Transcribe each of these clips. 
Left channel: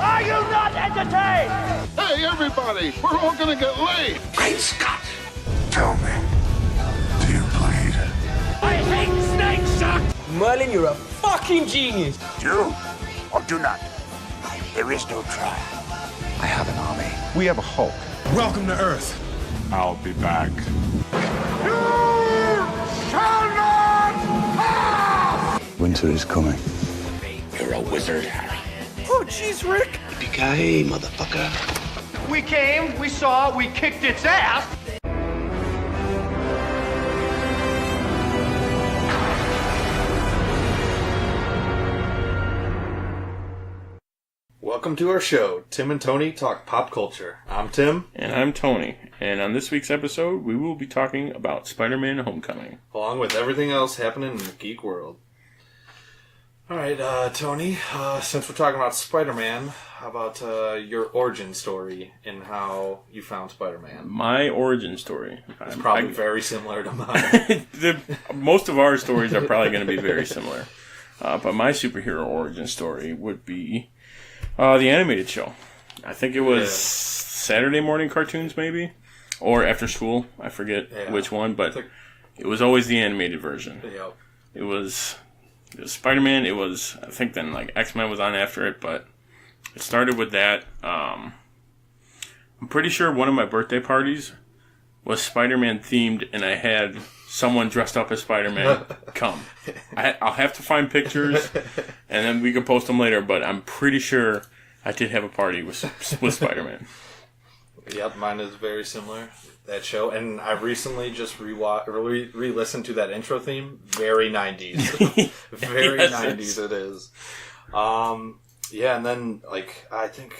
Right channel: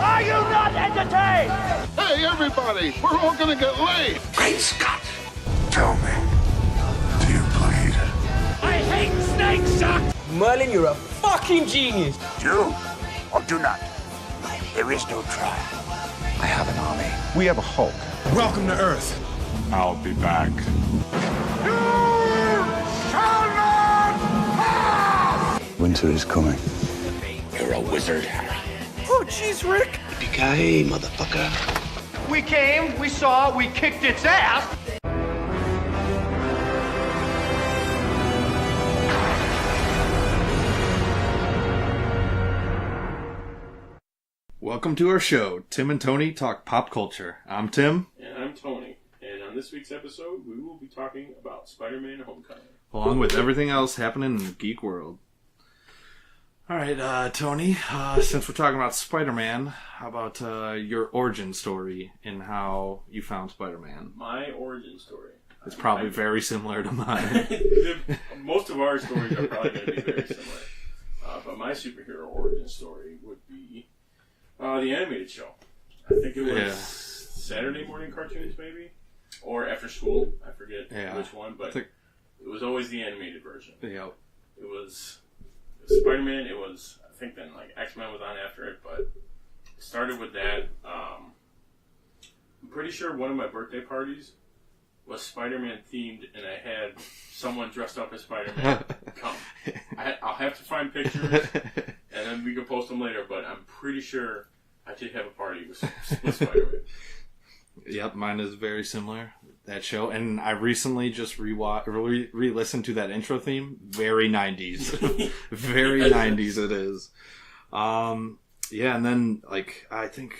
Are you not entertained? Hey, everybody, we're all gonna get laid. Great Scott! Tell me, do you bleed? I hate snake shock! Merlin, you're a fucking genius! Do or do not. There is no try. I have an army. We have a Hulk. Welcome to Earth. I'll be back. You shall not pass! Winter is coming. You're a wizard, Harry. Oh, jeez, Rick! Yippee-ki-yay, motherfucker. We came, we saw, we kicked its ass! Welcome to our show, Tim and Tony Talk Pop Culture. I'm Tim. And I'm Tony. And on this week's episode, we will be talking about Spider-Man Homecoming. Along with everything else happening in the geek world. Alright, Tony, since we're talking about Spider-Man, how about your origin story and how you found Spider-Man? My origin story. It's probably very similar to mine. Most of our stories are probably going to be very similar. But my superhero origin story would be the animated show. I think it was Saturday morning cartoons, maybe? Or after school. I forget which one, but it was always the animated version. Yep. It was Spider-Man. It was, I think then like X-Men was on after it, but it started with that. I'm pretty sure one of my birthday parties was Spider-Man themed, and I had someone dressed up as Spider-Man come. I'll have to find pictures, and then we can post them later, but I'm pretty sure I did have a party with Spider-Man. Yep, mine is very similar, that show. And I recently just re-listened to that intro theme. Very 90s. Very yes, 90s it is. Yeah, and then, like, I think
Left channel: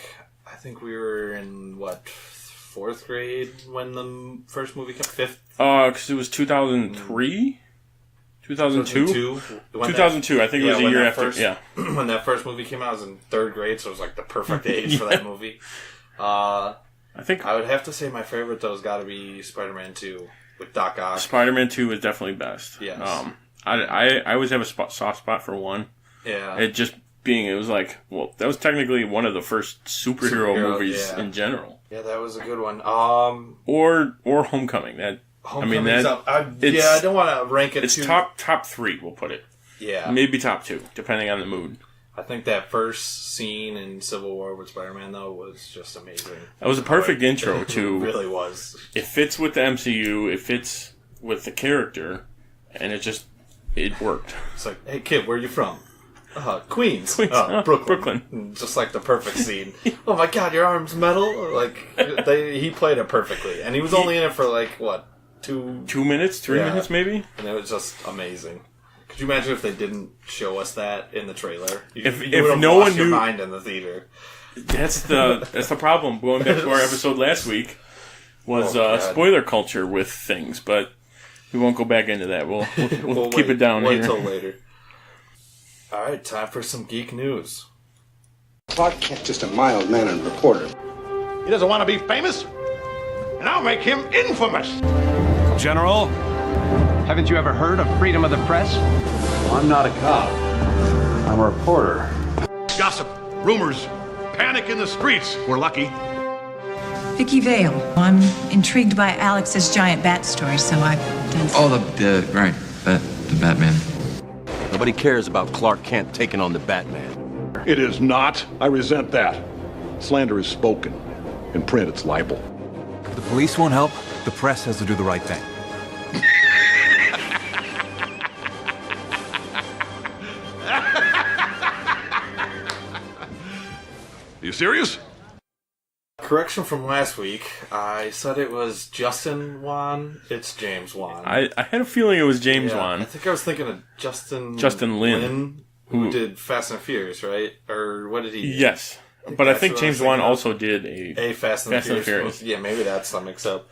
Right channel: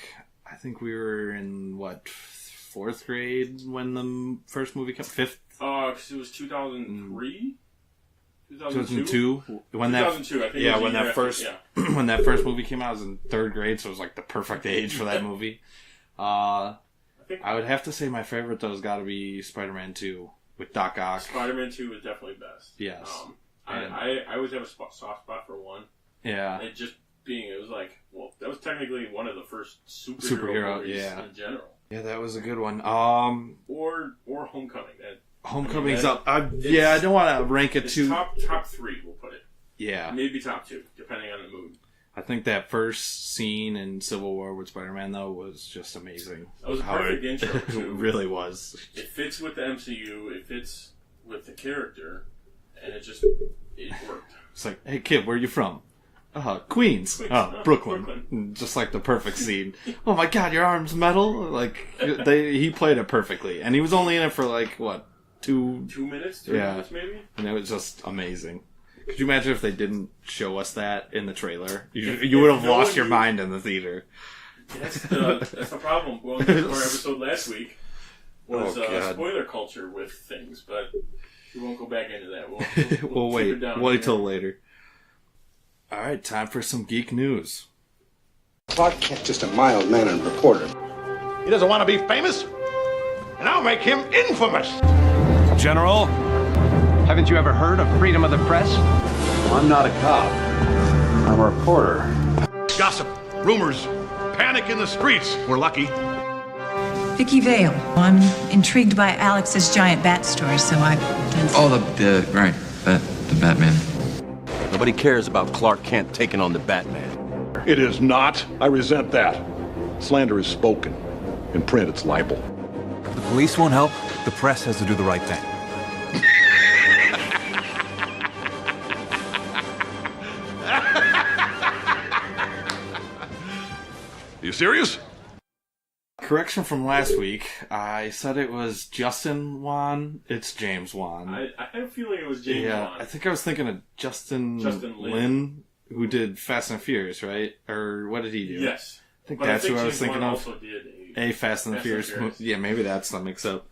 we were in, what, 4th grade when the first movie came? 5th? Because it was 2003? 2002? 2002, I think it was a year after. When that first movie came out, I was in 3rd grade, so it was like the perfect age for that movie. I think I would have to say my favorite, though, has got to be Spider-Man 2 with Doc Ock. Spider-Man 2 is definitely best. Yes. I always have a soft spot for 1. Yeah. It was like, well, that was technically one of the first superhero movies in general. Yeah, that was a good one. Or Homecoming. Homecoming's up. I don't want to rank it. It's top 3, we'll put it. Yeah. Maybe top 2, depending on the mood. I think that first scene in Civil War with Spider-Man, though, was just amazing. That was a perfect intro to... It really was. It fits with the MCU, it fits with the character, and it worked. It's like, hey kid, where are you from? Queens. Brooklyn. Just like the perfect scene. Oh my god, your arm's metal? Like, he played it perfectly. And he was only in it for like, what, 2 minutes? 3 minutes maybe? And it was just amazing. Could you imagine if they didn't show us that in the trailer? You if would have no lost your mind in the theater. That's the problem. Going back to our episode last week was spoiler culture with things, but we won't go back into that. We'll keep it down. Wait till later. All right, time for some geek news. Clark Kent, just a mild-mannered reporter. He doesn't want to be famous, and I'll make him infamous. General, haven't you ever heard of freedom of the press? Well, I'm not a cop. I'm a reporter. Gossip, rumors, panic in the streets. We're lucky. Vicky Vale. I'm intrigued by Alex's giant bat story, so I've done some... Oh, the Batman. Nobody cares about Clark Kent taking on the Batman. It is not. I resent that. Slander is spoken. In print, it's libel. The police won't help. The press has to do the right thing. Are you serious? Correction from last week. I said it was Justin Wan. It's James Wan. I had a feeling it was James Wan. I think I was thinking of Justin Lin, who did Fast and Furious, right? Or what did he do? Yes. But I think James Wan also did a Fast and Furious. Yeah, maybe that's the mix-up.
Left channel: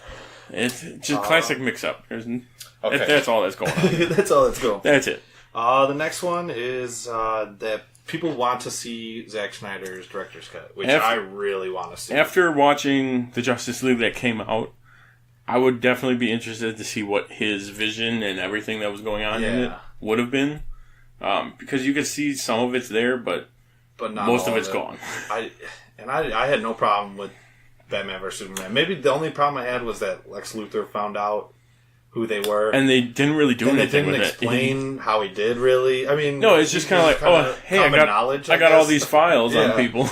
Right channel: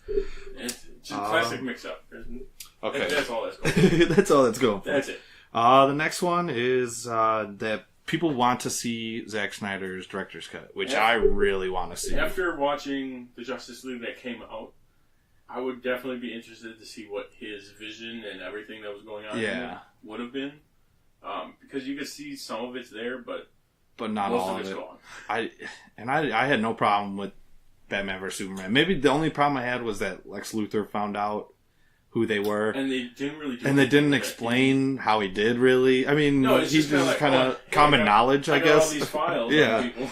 It's just classic mix-up. Okay. That's all that's going on. That's all that's going. That's it. The next one is that people want to see Zack Snyder's director's cut, which I really want to see. After watching the Justice League that came out, I would definitely be interested to see what his vision and everything that was going on in it would have been. Because you could see some of it's there, but but not most all of it's it. gone. I had no problem with Batman vs Superman. Maybe the only problem I had was that Lex Luthor found out who they were, and they didn't really do anything. And they didn't explain how he did. Really, I mean, no, it's just kind of like, oh, hey, common knowledge. I got all these files yeah. on people,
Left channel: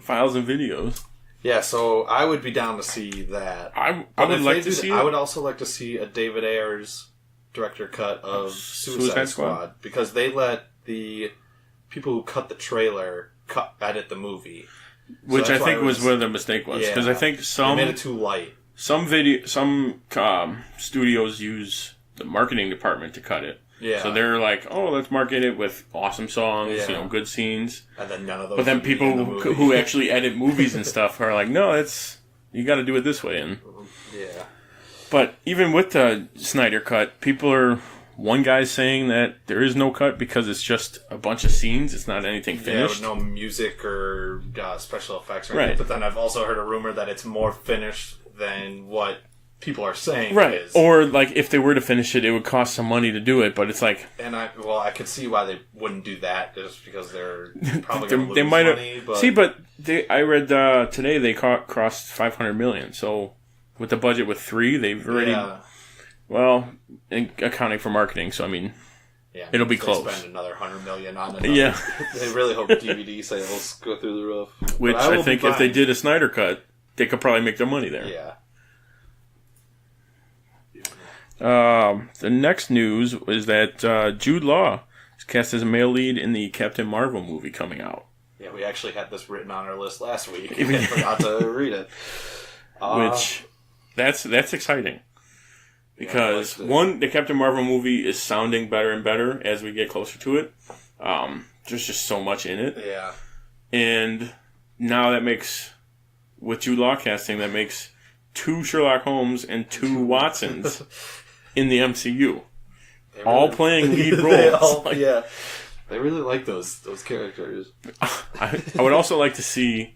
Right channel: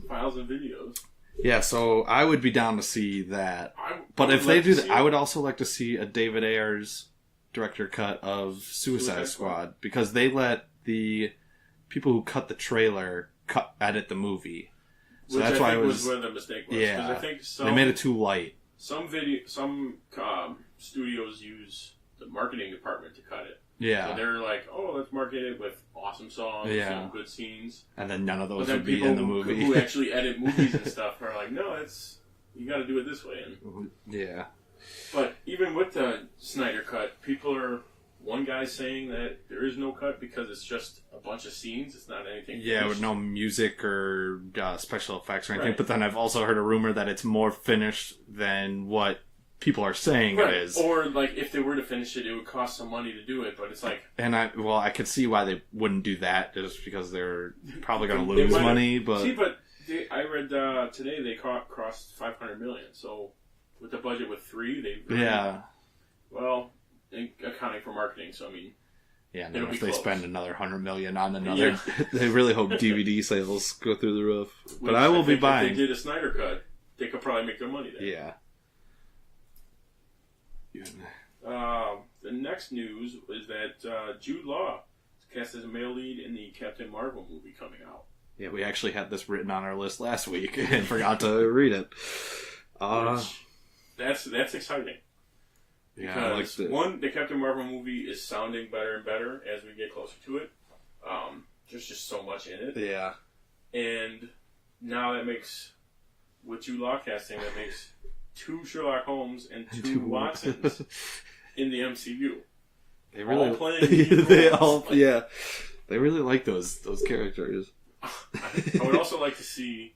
files and videos. Yeah, so I would be down to see that. I would like to see it. I would also like to see a David Ayers director cut of Suicide Squad because they let the people who cut the trailer edit the movie, which I think was where the mistake was because I think they made it too light. Some studios use the marketing department to cut it. Yeah. So they're like, oh, let's market it with awesome songs, good scenes. And then none of those. But then people who actually edit movies and stuff are like, no, you got to do it this way. And yeah. But even with the Snyder cut, one guy's saying that there is no cut because it's just a bunch of scenes. It's not anything finished. Yeah, with no music or special effects or anything. Right. But then I've also heard a rumor that it's more finished than what people are saying it is. Or, like, if they were to finish it, it would cost some money to do it, but it's like... And I could see why they wouldn't do that, just because they're probably going to lose money, but... See, but I read today they crossed $500 million, so with the budget with 3, they've already... Yeah. Well, accounting for marketing, so I mean... Yeah, it'll be close. They spend another $100 million on another. Yeah. They really hope DVD sales go through the roof. Which I think if they did a Snyder cut, they could probably make their money there. Yeah. The next news is that Jude Law is cast as a male lead in the Captain Marvel movie coming out. Yeah, we actually had this written on our list last week. We forgot to read it. Which, that's exciting. Because, one, the Captain Marvel movie is sounding better and better as we get closer to it. There's just so much in it. Yeah. And now that makes, with Jude Law casting, that makes 2 Sherlock Holmes and 2 Watsons in the MCU. Really, all playing lead roles. They really like those characters. I would also like to see,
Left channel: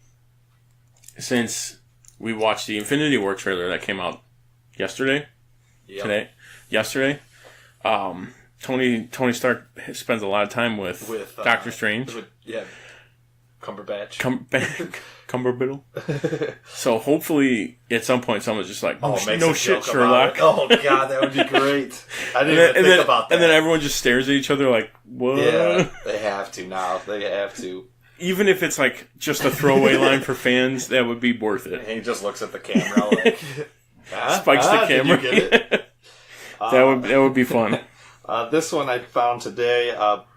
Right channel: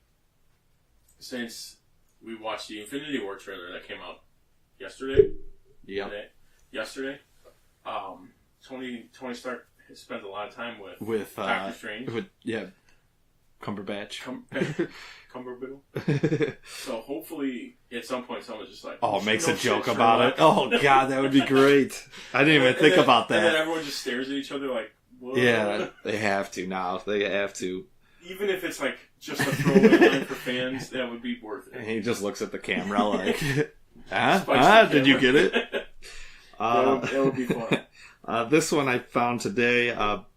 since we watched the Infinity War trailer that came out yesterday, Tony Stark spends a lot of time with Doctor Strange. Cumberbatch. Cumberbiddle. So hopefully at some point someone's just like, makes a joke about it. Oh god, that would be great. I didn't even think about that. And then everyone just stares at each other like, what? Yeah, they have to now. They have to. Even if it's like just a throwaway line for fans, that would be worth it. And he just looks at the camera like, spikes the camera. Did you get it? That would be fun. This one I found today.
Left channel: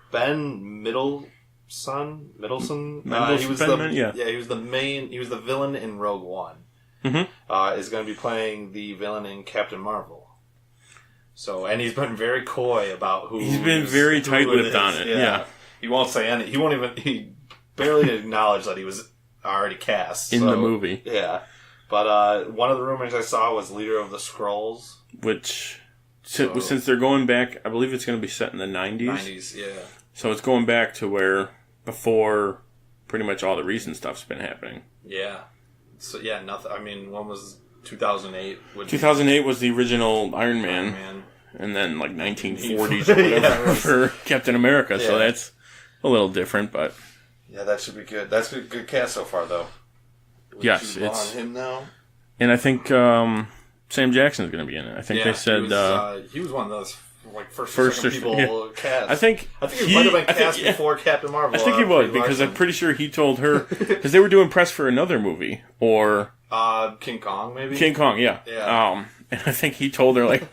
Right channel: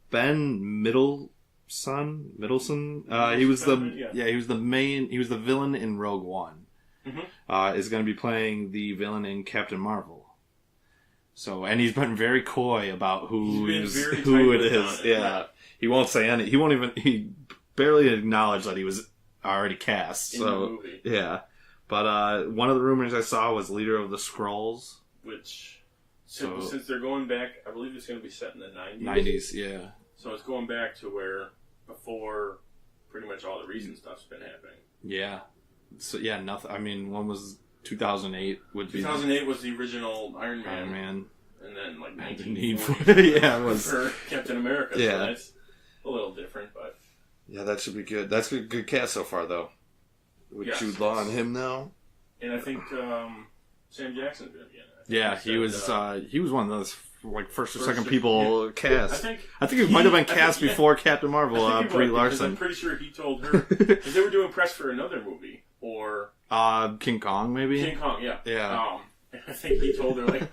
Ben Middleton. He was the villain in Rogue One. Mm-hmm. Is going to be playing the villain in Captain Marvel. So, and he's been very coy about who. He's been very tight-lipped on it. Yeah, he won't say any. He won't even. He barely acknowledged that he was already cast in the movie. Yeah, but one of the rumors I saw was leader of the Skrulls, which since they're going back, I believe it's going to be set in the 90s. 90s, yeah. So it's going back to where before pretty much all the recent stuff's been happening. Yeah. So yeah, nothing. I mean, when was 2008? 2008 was the original Iron Man. And then like 1940s or whatever for Captain America. Yeah. So that's a little different, but yeah, that should be good. That's a good cast so far, though. With yes, Jude Law on him now. And I think Sam Jackson's going to be in it. I think they said he was one of those first or second people cast. I think he might have been cast before Captain Marvel. I think he was because I'm pretty sure he told her because they were doing press for another movie or King Kong maybe. King Kong, yeah. And I think he told her like,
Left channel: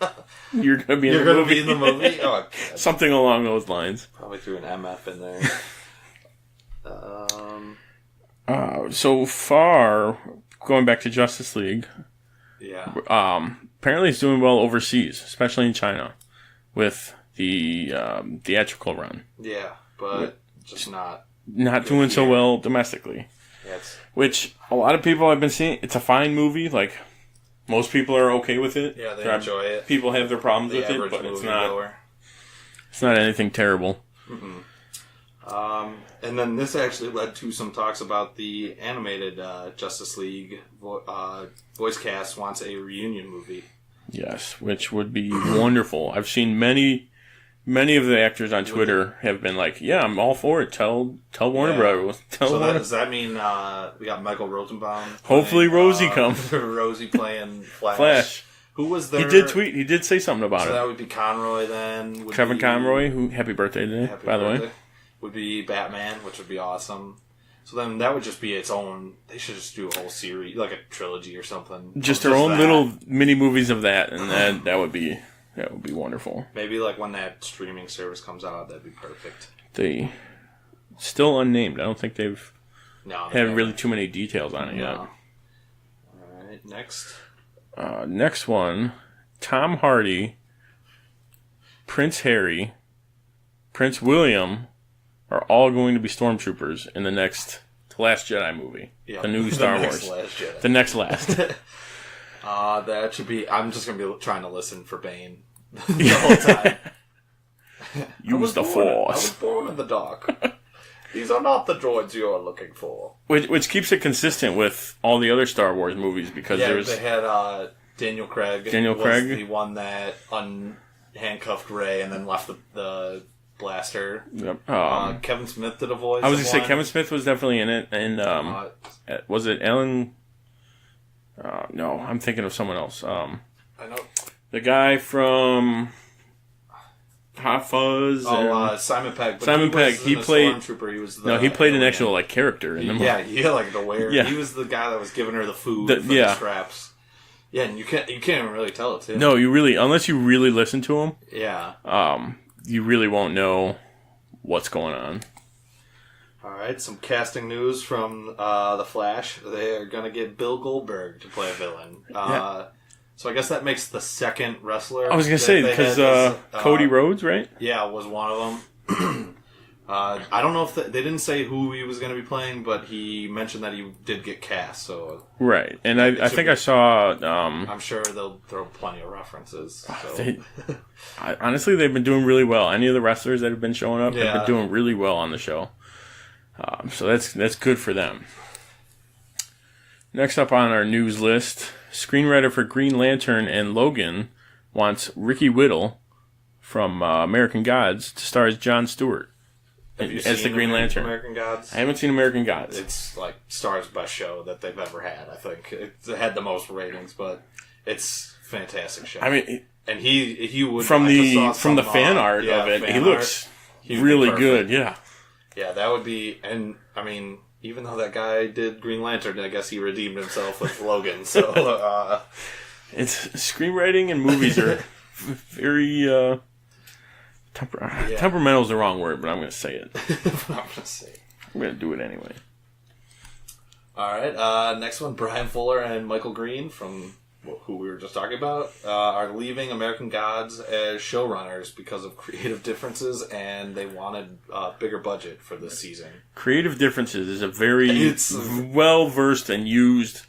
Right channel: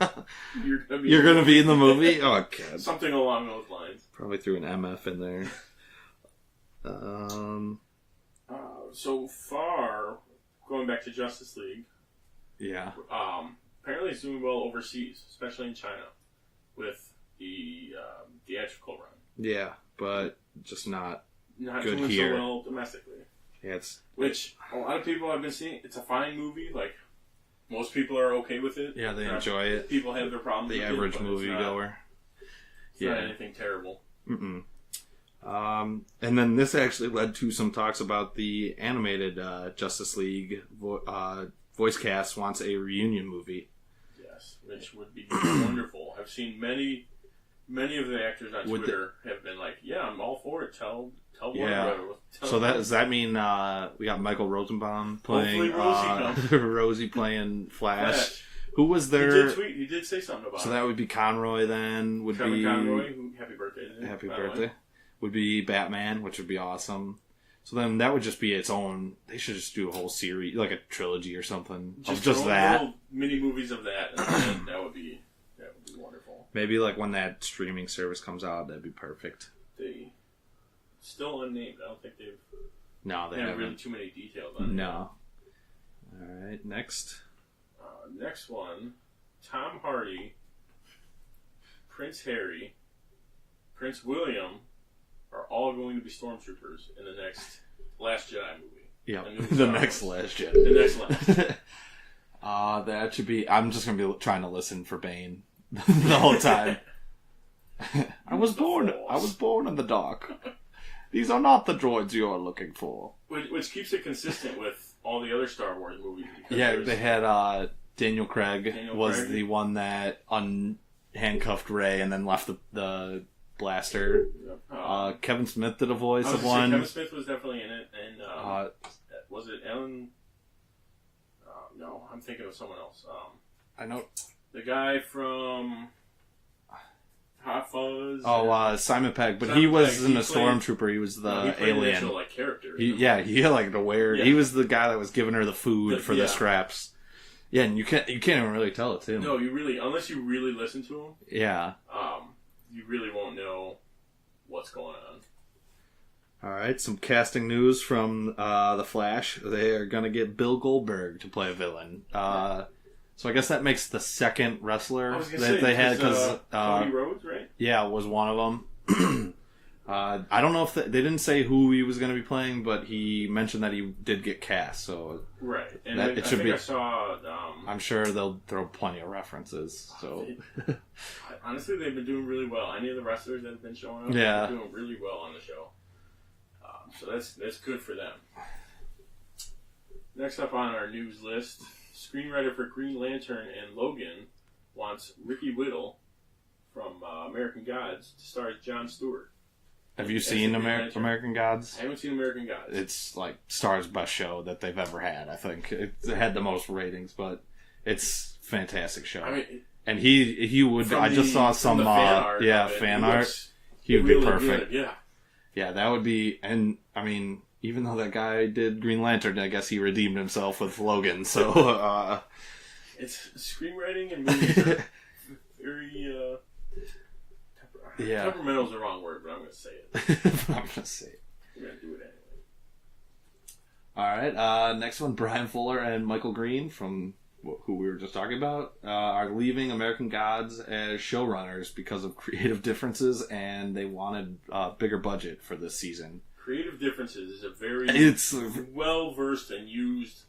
"You're going to be in the movie." Oh, God. Something along those lines. Probably threw an MF in there. So far, going back to Justice League. Yeah. Apparently, it's doing well overseas, especially in China, with the theatrical run. Yeah, but just not doing so well domestically. Yeah, which a lot of people have been seeing. It's a fine movie. Like most people are okay with it. Yeah, they enjoy it. People have their problems with it, but it's not anything terrible. Mm-mm. And then this actually led to some talks about the animated Justice League voice cast wants a reunion movie. Yes, which would be wonderful. I've seen many Many of the actors on Twitter have been like, "Yeah, I'm all for it. Tell Warner Brothers." Does that mean we got Michael Rosenbaum? Hopefully, Rosie comes. Rosie playing Flash. Who was there? He did tweet. He did say something about it. So that would be Conroy then. Kevin Conroy, who happy birthday today, by the way. Would be Batman, which would be awesome. So then that would just be its own. They should just do a whole series, like a trilogy or something. Just their own little mini movies of that, and that would be wonderful. Maybe like when that streaming service comes out, that'd be perfect. They still unnamed. I don't think they've had really haven't. too many details on it yet. All right, next. Next one, Tom Hardy, Prince Harry, Prince William are all going to be stormtroopers in the Last Jedi movie. Yeah, the new Star Wars. Last Jedi. The next last. That should be... I'm just going to be trying to listen for Bane the whole time. Use the Force. I was born in the dark. These are not the droids you are looking for. Which keeps it consistent with all the other Star Wars movies because they had Daniel Craig. Was the one that unhandcuffed Rey and then left the blaster. Yep. Kevin Smith did a voice. I was going to say Kevin Smith was definitely in it, and was it Alan? No, I'm thinking of someone else. I know the guy from Hot Fuzz. Simon Pegg. But Simon Pegg. He played Stormtrooper. He was he played alien. an actual character. In the movie. He had like the wear. Yeah. He was the guy that was giving her the food for the straps. Yeah, and you can't even really tell it's him. No, you really, unless you really listen to him. Yeah. You really won't know what's going on. All right, some casting news from The Flash. They are going to get Bill Goldberg to play a villain. So I guess that makes the second wrestler. I was going to say, because Cody Rhodes, right? Yeah, was one of them. I don't know if they didn't say who he was going to be playing, but he mentioned that he did get cast. So right, and I think I saw. I'm sure they'll throw plenty of references. So. Honestly, they've been doing really well. Any of the wrestlers that have been showing up, they've been doing really well on the show. So that's good for them. Next up on our news list, screenwriter for Green Lantern and Logan wants Ricky Whittle from American Gods to star as Jon Stewart. Have you seen the Green Lantern? American Gods? I haven't seen American Gods. It's like Star's best show that they've ever had. I think it had the most ratings, but it's a fantastic show. I mean, and he would from the fan art of it. He looks really good. Yeah, that would be. And I mean, even though that guy did Green Lantern, I guess he redeemed himself with Logan. So it's screenwriting and movies are very. Temperamental is the wrong word, but I'm going to say it. I'm going to do it anyway. All right. Next one, Brian Fuller and Michael Green, from who we were just talking about, are leaving American Gods as showrunners because of creative differences, and they wanted a bigger budget for this season. Creative differences is a very well-versed and used,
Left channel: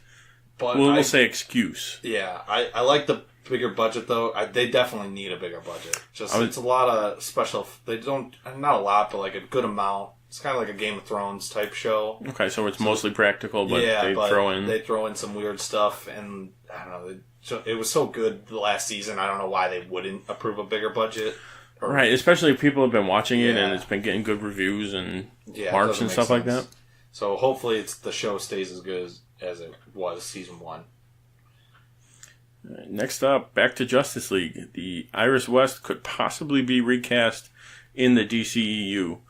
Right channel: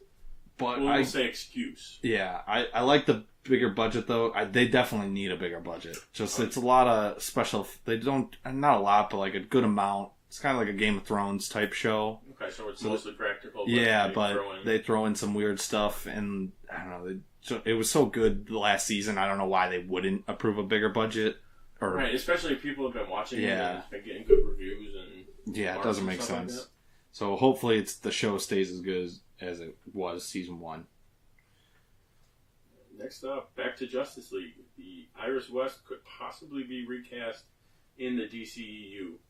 we'll say, excuse. Yeah. I like the bigger budget though. They definitely need a bigger budget. It's a lot of special. They don't, not a lot, but like a good amount. It's kind of like a Game of Thrones type show. Okay, so it's mostly practical, but they throw in some weird stuff, and I don't know. It was so good the last season. I don't know why they wouldn't approve a bigger budget. Right, especially if people have been watching it and it's been getting good reviews and marks and stuff like that. So hopefully the show stays as good as it was season 1. Next up, back to Justice League. The Iris West could possibly be recast in the DCEU.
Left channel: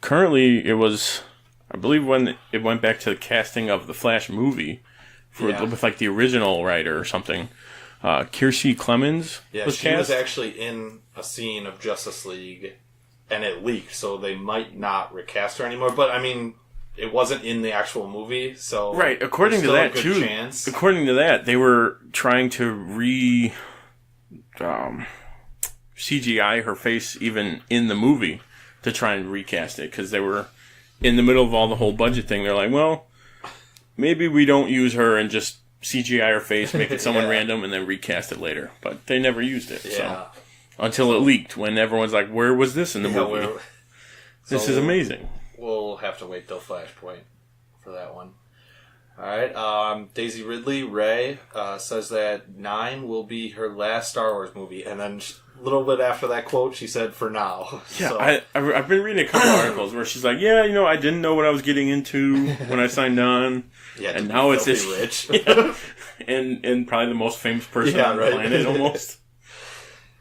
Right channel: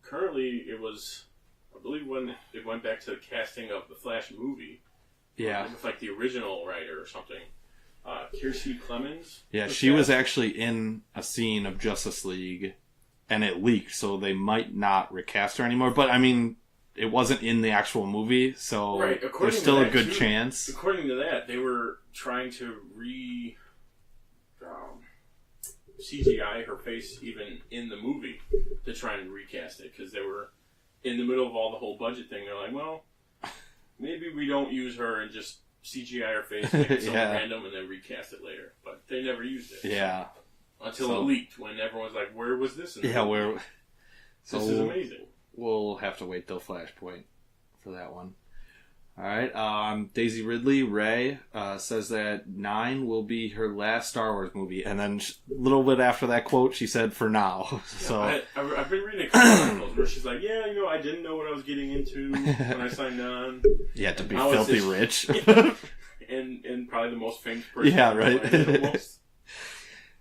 Currently, it was, I believe, when it went back to the casting of the Flash movie with like the original writer or something. Kiersey Clemens. Yeah, she was actually in a scene of Justice League, and it leaked, so they might not recast her anymore. But I mean, it wasn't in the actual movie, so right. According to that, a good chance. According to that, they were trying to CGI her face even in the movie to try and recast it because they were in the middle of all the whole budget thing. They're like, well, maybe we don't use her and just CGI her face, make it someone random, and then recast it later. But they never used it. Yeah. Until it leaked, when everyone's like, where was this in the movie? This is amazing. We'll have to wait till Flashpoint for that one. All right. Daisy Ridley, Ray, says that 9 will be her last Star Wars movie. And then a little bit after that quote, she said, for now. Yeah, so. I've been reading a couple articles where she's like, yeah, I didn't know what I was getting into when I signed on. Yeah, and now it's this rich. and probably the most famous person on the planet almost.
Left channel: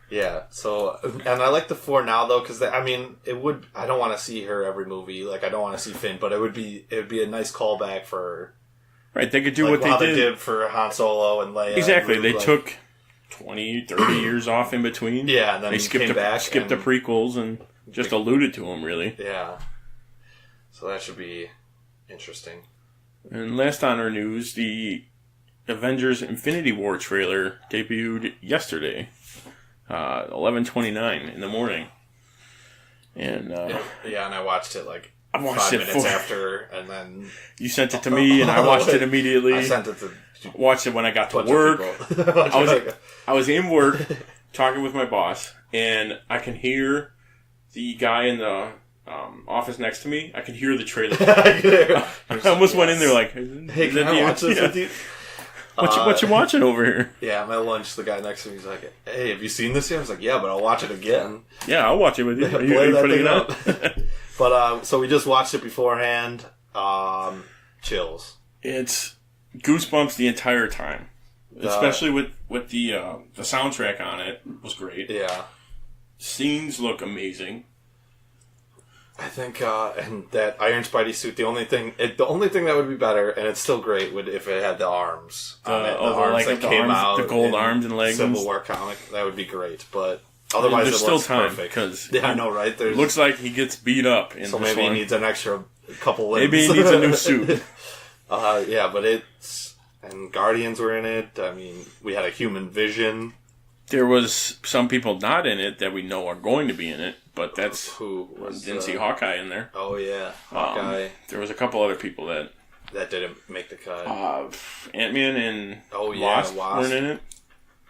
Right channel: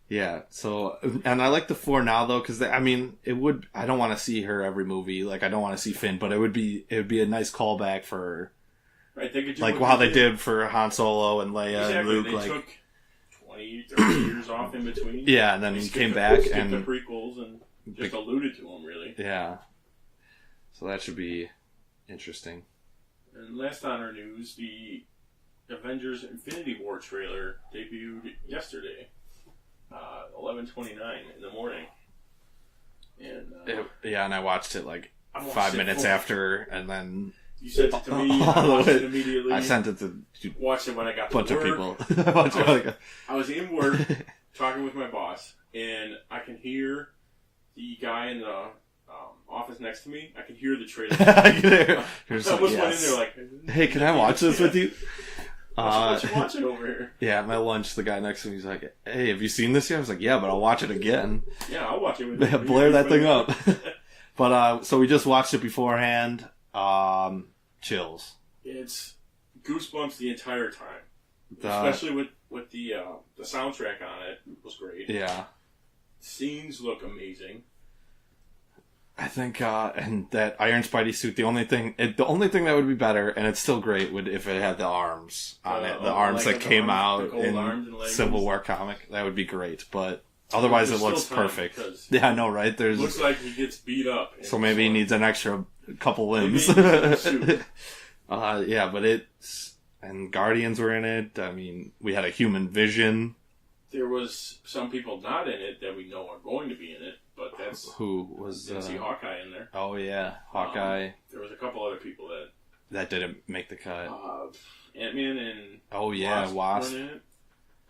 Yeah, so, and I like the 4 now, though, because, I don't want to see her every movie. Like, I don't want to see Finn, but it would be a nice callback for her. Right, they could do like what they did for Han Solo and Leia. Exactly, and Luke, they took 20, 30 years off in between. Yeah, and then they skipped the prequels and just alluded to them, really. Yeah. So that should be interesting. And last on our news, the Avengers Infinity War trailer debuted yesterday, 11:29 in the morning. And and I watched it like 5 minutes after, and then you sent it to me, and I watched it immediately. I sent it to watched it when I got to work. I was in work talking with my boss, and I can hear the guy in the office next to me. I can hear the trailer. I almost went in there like, "Hey, can I watch this with you?" What you watching over here? Yeah, at my lunch, the guy next to me is like, "Hey, have you seen this yet?" I was like, "Yeah, but I'll watch it again." Yeah, I'll watch it with you. Play that thing up. But so we just watched it beforehand. Chills. It's goosebumps the entire time, especially with the soundtrack on it was great. Yeah, scenes look amazing. I think, and that Iron Spidey suit. The only thing that would be better, and it's still great, would if it had the arms on it. The arms that came out, the gold arms and legs. Civil War comic. That would be great, but. Otherwise, it looks perfect. Cause yeah, I know, right? It looks like he gets beat up. So maybe he needs an extra couple limbs. Maybe he needs a new suit. Yeah, but and Guardians were in it. I mean, we had a human Vision. There was some people not in it that we know are going to be in it, but that's who was. Didn't see Hawkeye in there. Oh yeah, Hawkeye. There was a couple other people that didn't make the cut. Ant-Man and Wasp weren't in it.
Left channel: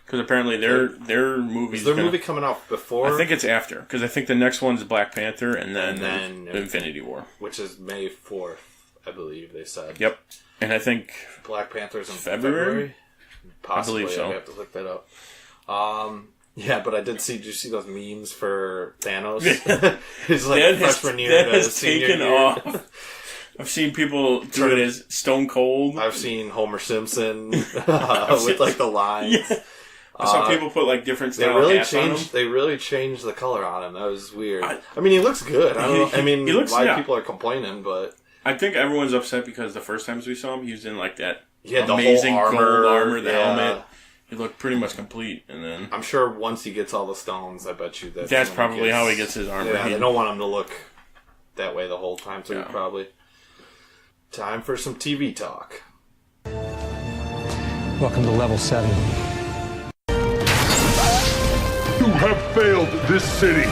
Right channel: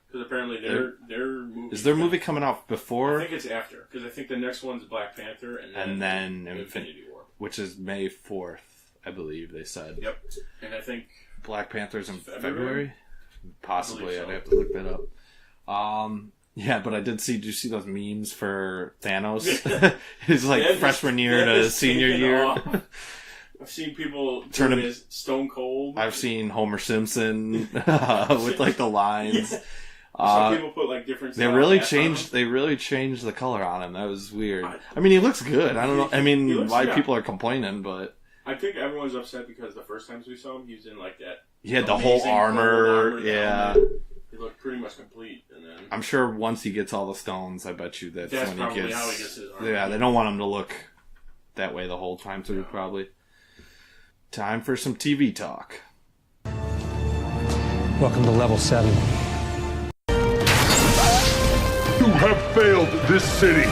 Because apparently their movie is their movie coming out before. I think it's after. Because I think the next one's Black Panther and then Infinity War, which is May 4th, I believe they said. Yep, and I think Black Panther's in February. Possibly, I believe so. I have to look that up. Yeah, but I did see. Did you see those memes for Thanos? It's like freshman year to senior year. I've seen people turn it as Stone Cold. I've seen Homer Simpson with like the lines. Yeah. Some people put like different. They really changed. They really changed the color on him. That was weird. I mean, he looks good. I don't know. I mean, people are complaining, but I think everyone's upset because the first times we saw him, he was in like that. He had the whole armor, the helmet. He looked pretty much complete, and then I'm sure once he gets all the stones, I bet you that's probably how he gets his armor. Yeah, they don't want him to look that way the whole time, so probably. Time for some TV talk. Welcome to Level 7. You have failed this city.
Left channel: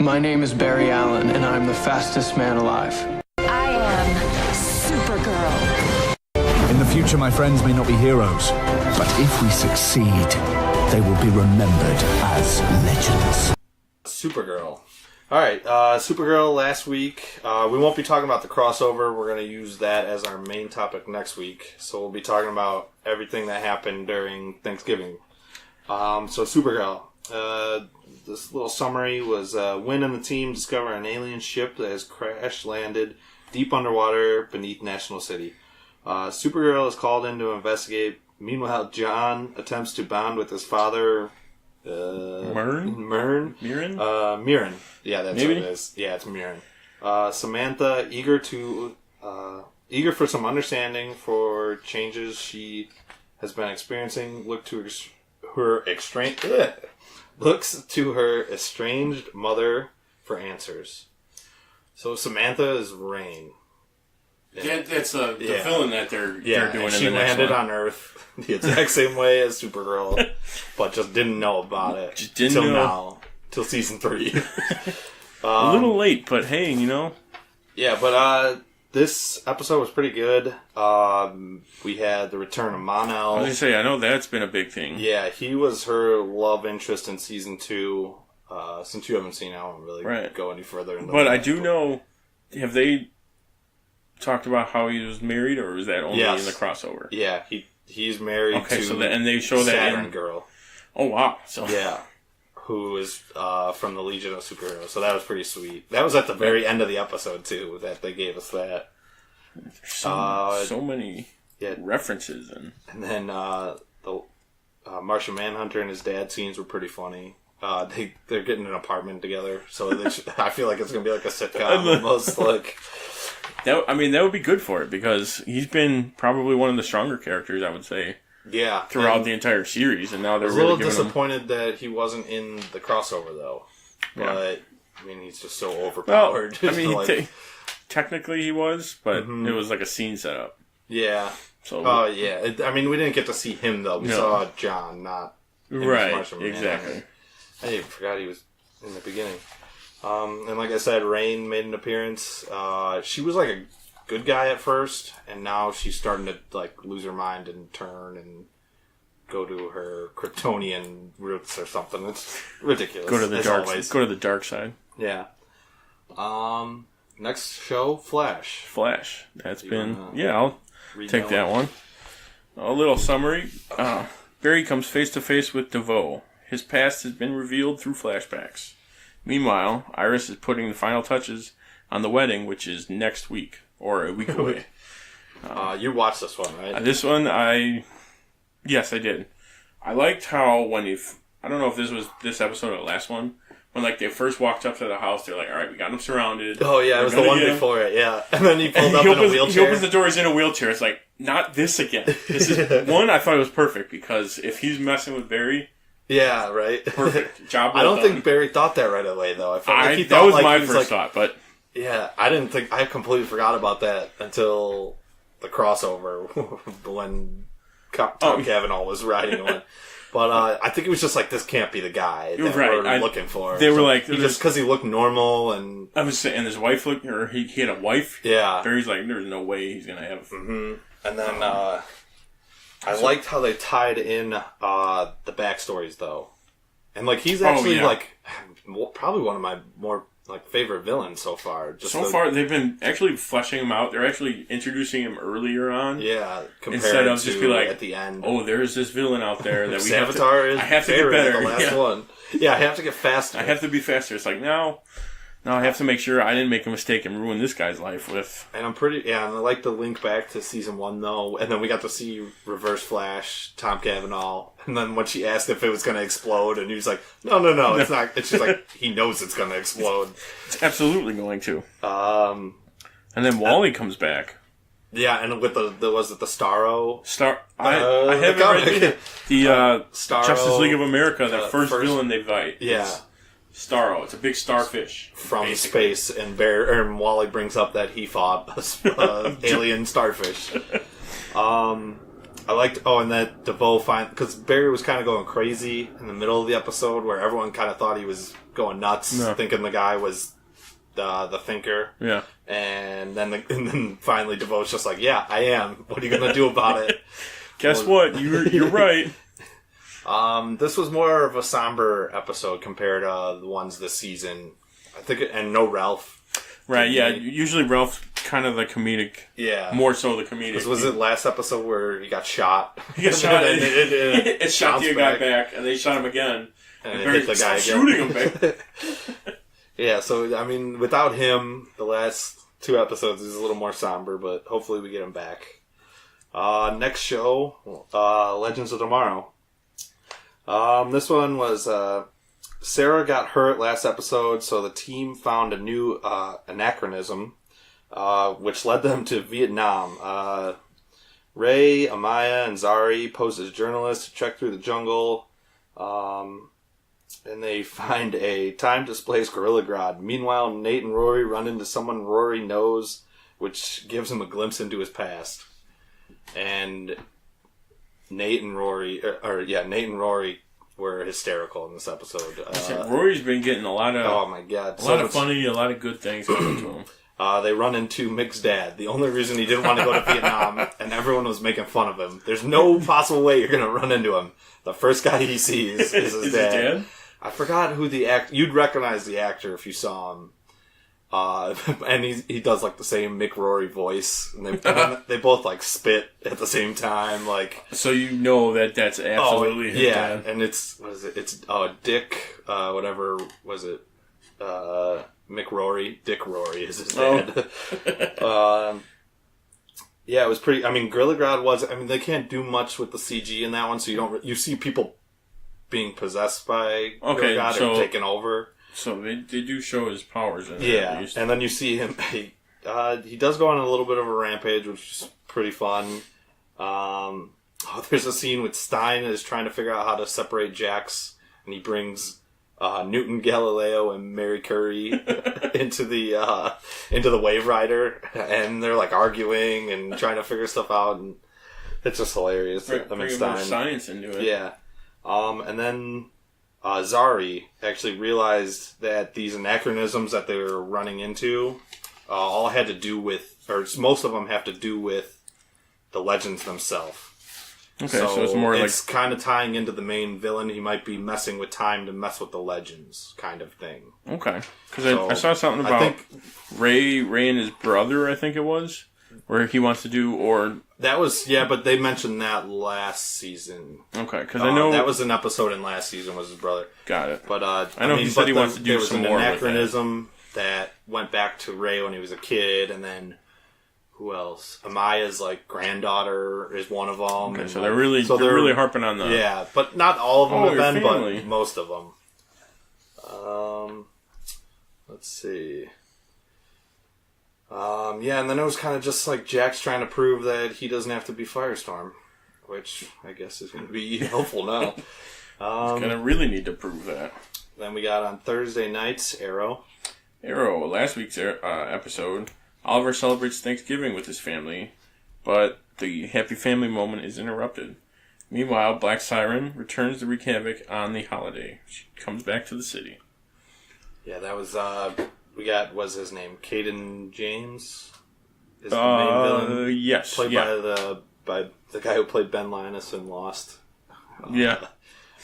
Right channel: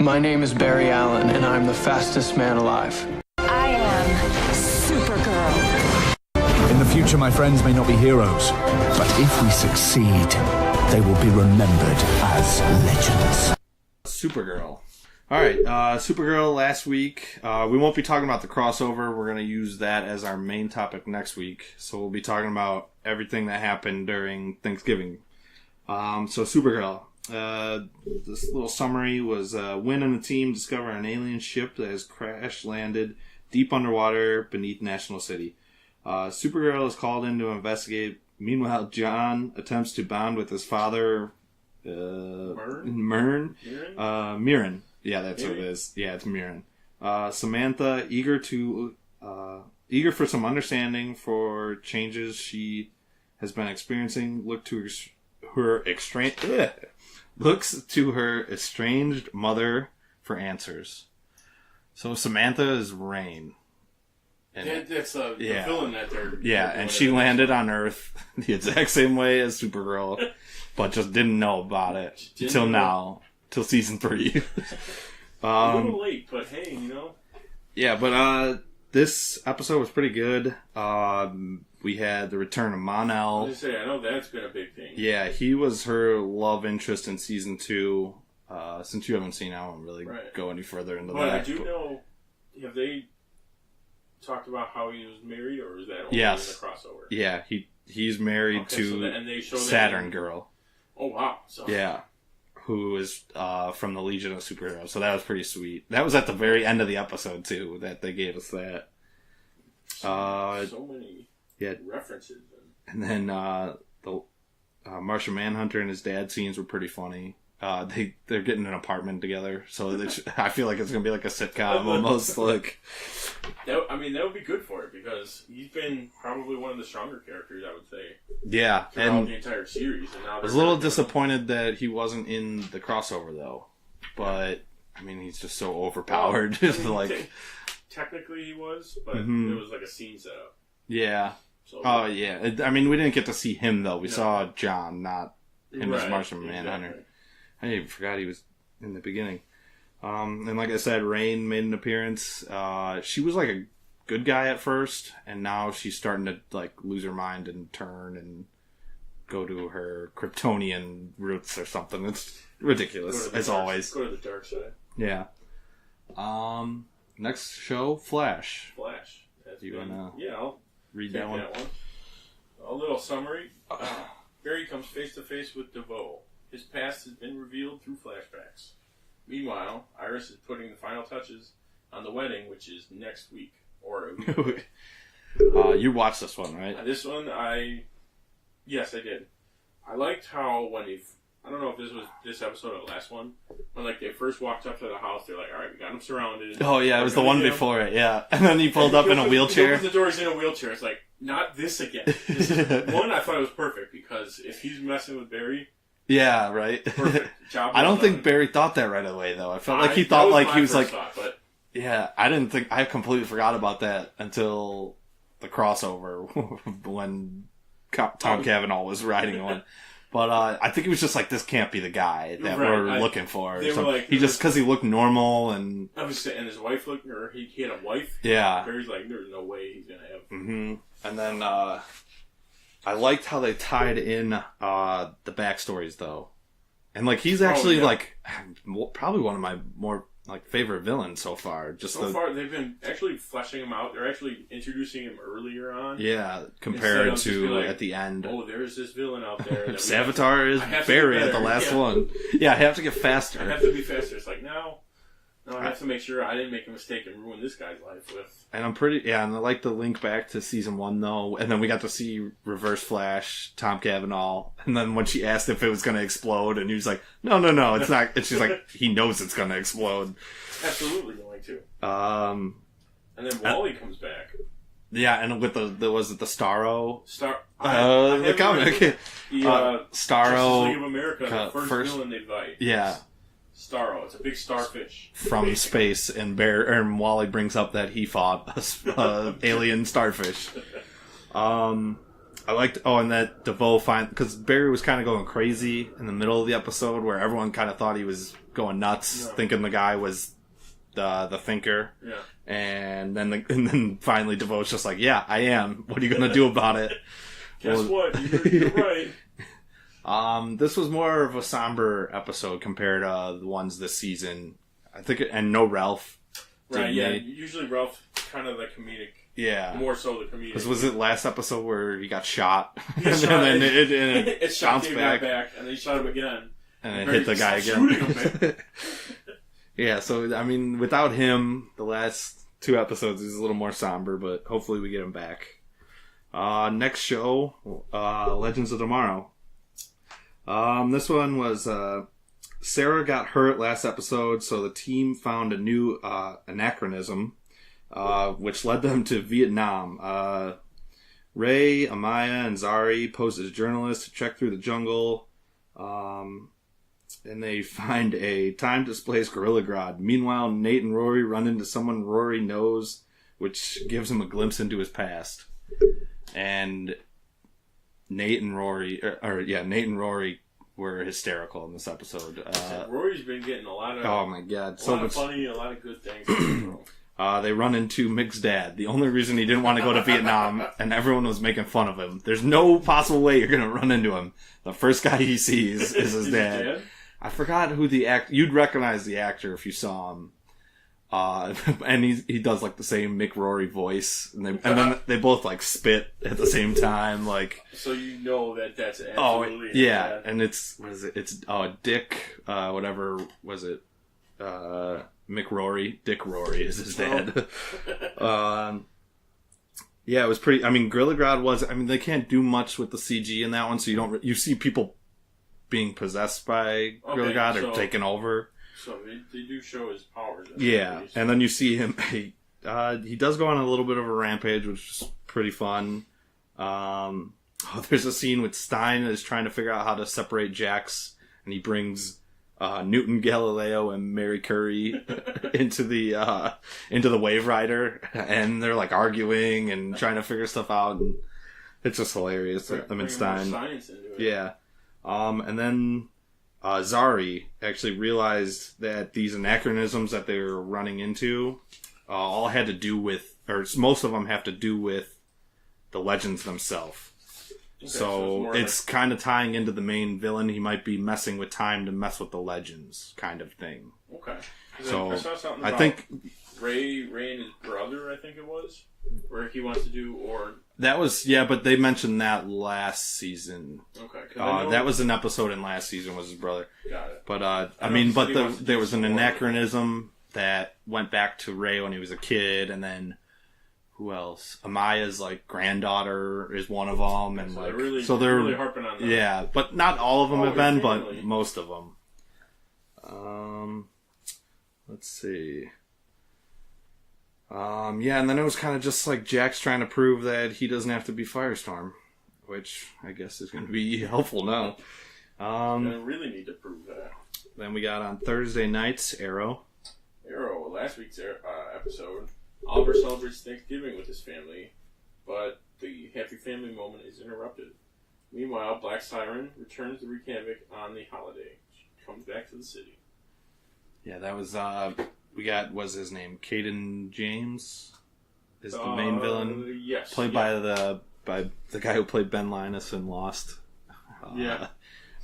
My name is Barry Allen, and I'm the fastest man alive. I am Supergirl. In the future, my friends may not be heroes, but if we succeed, they will be remembered as legends. Supergirl. All right, Supergirl last week. We won't be talking about the crossover. We're going to use that as our main topic next week. So we'll be talking about everything that happened during Thanksgiving. So Supergirl. This little summary was Wynn and the team discover an alien ship that has crash landed deep underwater beneath National City. Supergirl is called in to investigate. Meanwhile, John attempts to bond with his father. Mirren? Yeah, that's what it is. Yeah, it's Mirren. Samantha, eager for some understanding for changes she has been experiencing, looks to her estranged mother for answers. So Samantha is Rain. That's the villain that they're doing. And she landed on Earth the exact same way as Supergirl, but just didn't know about it till season 3. A little late, but hey, Yeah, but this episode was pretty good. We had the return of Mon-El. I was going to say, I know that's been a big thing. Yeah, he was her love interest in season 2. Since you haven't seen it, I won't really go any further into that. But I do know, have they talked about how he was married, or was that only in the crossover? Yeah, he's married to and they show that Saturn Girl. Oh, wow. So yeah. Who is from the Legion of Superheroes. So that was pretty sweet. That was at the very end of the episode, too, that they gave us that. So many references. And then the Martian Manhunter and his dad scenes were pretty funny. They're getting an apartment together, so I feel like it's going to be like a sitcom almost. That would be good for it, because he's been probably one of the stronger characters, I would say. Yeah, throughout the entire series, and now they're I was a little disappointed that he wasn't in the crossover, though. But I mean, he's just so overpowered. Well, I mean, technically he was, but it was like a scene setup. Yeah. So. I mean, we didn't get to see him though. We saw John, not right. Martian Exactly. Manhunter. I even forgot he was in the beginning. And like I said, Rain made an appearance. She was like a good guy at first, and now she's starting to like lose her mind and turn and go to her Kryptonian roots or something. It's ridiculous. Go to the dark side. Yeah. Next show, Flash. That's I'll take that one. A little summary. Barry comes face to face with DeVoe. His past has been revealed through flashbacks. Meanwhile, Iris is putting the final touches on the wedding, which is next week. Or a week away. You watched this one, right? This one, yes, I did. I liked how I don't know if this was this episode or the last one, when like they first walked up to the house, they're like, all right, we got him surrounded. Oh yeah, it was the one before it, yeah. And then he pulled up in a wheelchair. He opens the door, he's in a wheelchair. It's like, not this again. This is one, I thought it was perfect, because if he's messing with Barry... Yeah, right. Perfect. Job I don't think Barry thought that right away, though. I felt like he thought like he was like... thought, but... Yeah, I completely forgot about that until the crossover when Tom Cavanaugh was riding on. But I think it was just like, this can't be the guy that we're looking for. They were like... because he looked normal and... I was saying, and his wife looked, or he had a wife. Yeah. Barry's like, there's no way he's going to have... Mm-hmm. And then I liked how they tied in the backstories, though. And like, he's actually like probably one of my more... like favorite villain so far. So far, they've been actually fleshing him out. They're actually introducing him earlier on. Yeah, compared instead of to just be like, at the end. Oh, there's this villain out there that we Savitar have to get better. The last one. Yeah, I have to get faster. I have to be faster. It's like, no, I have to make sure I didn't make a mistake and ruin this guy's life with. And and I like the link back to season 1 though. And then we got to see Reverse Flash, Tom Cavanaugh. And then when she asked if it was going to explode, and he was like, no, it's not. It's just like, he knows it's going to explode. It's absolutely going to. And then Wally comes back. Yeah, and with the Starro? I haven't read the Starro, Justice League of America, the first villain they fight. Yeah. Starro. It's a big starfish. From space, and Wally brings up that he fought alien starfish. I liked, and that DeVoe because Barry was kind of going crazy in the middle of the episode, where everyone kind of thought he was going nuts, thinking the guy was the thinker. Yeah. And then finally DeVoe's just like, yeah, I am. What are you going to do about it? Guess what? You're right. This was more of a somber episode compared to the ones this season. I think, and no Ralph. Right, yeah. Usually Ralph's kind of the comedic. Yeah. More so the comedic. Was it last episode where he got shot? He got shot. And it shot the guy back, and they shot him again. And it hit the guy again. Shooting him, babe. Yeah, so, I mean, without him, the last 2 episodes is a little more somber, but hopefully we get him back. Next show, Legends of Tomorrow. This one was... Sarah got hurt last episode, so the team found a new anachronism, which led them to Vietnam. Ray, Amaya, and Zari pose as journalists to trek through the jungle, and they find a time-displaced Gorilla Grodd. Meanwhile, Nate and Rory run into someone Rory knows, which gives him a glimpse into his past. And Nate and Rory were hysterical in this episode. Rory's been getting a lot of... Oh my god. A lot of funny, a lot of good things coming to him. They run into Mick's dad. The only reason he didn't want to go to Vietnam, and everyone was making fun of him. There's no possible way you're going to run into him. The first guy he sees is his dad. His dad? I forgot who the actor... You'd recognize the actor if you saw him. And he does like the same Mick Rory voice, and then they both like spit at the same time, like. So you know that's absolutely his dad. And it's Dick, whatever was it, Mick Rory, Dick Rory is his dad. Yeah, it was pretty. I mean, Gorilla Grodd was. I mean, they can't do much with the CG in that one, so you see people being possessed by Gorilla Grodd or taken over. So they do show his powers in it. Yeah, and then you see him. He does go on a little bit of a rampage, which is pretty fun. There's a scene with Stein is trying to figure out how to separate Jax, and he brings Newton, Galileo, and Mary Curry into the Wave Rider, and they're like arguing and trying to figure stuff out, and it's just hilarious. Bring more science into it. Yeah, and then. Zari actually realized that these anachronisms that they were running into all had to do with, or most of them have to do with the legends themselves. Okay, so it's more it's kind of tying into the main villain. He might be messing with time to mess with the legends, kind of thing. Okay, because I saw something about Ray and his brother. I think it was where he wants to do that was but they mentioned that last season. Okay, because I know that was an episode in last season was his brother. Got it. But I know he said he wants to do there was some an more anachronism that went back to Ray when he was a kid, and then who else? Amaya's like granddaughter is one of them. Okay, and so they're really harping on that. Yeah, but not all of them have been, but most of them. Let's see. And then it was kind of just like Jax trying to prove that he doesn't have to be Firestorm, which I guess is going to be helpful now. He's going to really need to prove that. Then we got on Thursday nights, Arrow, last week's episode, Oliver celebrates Thanksgiving with his family, but the happy family moment is interrupted. Meanwhile, Black Siren returns to wreak havoc on the holiday. She comes back to the city. Yeah, that was... what's his name? Caden James is the main villain. Yes, played by the guy who played Ben Linus in Lost.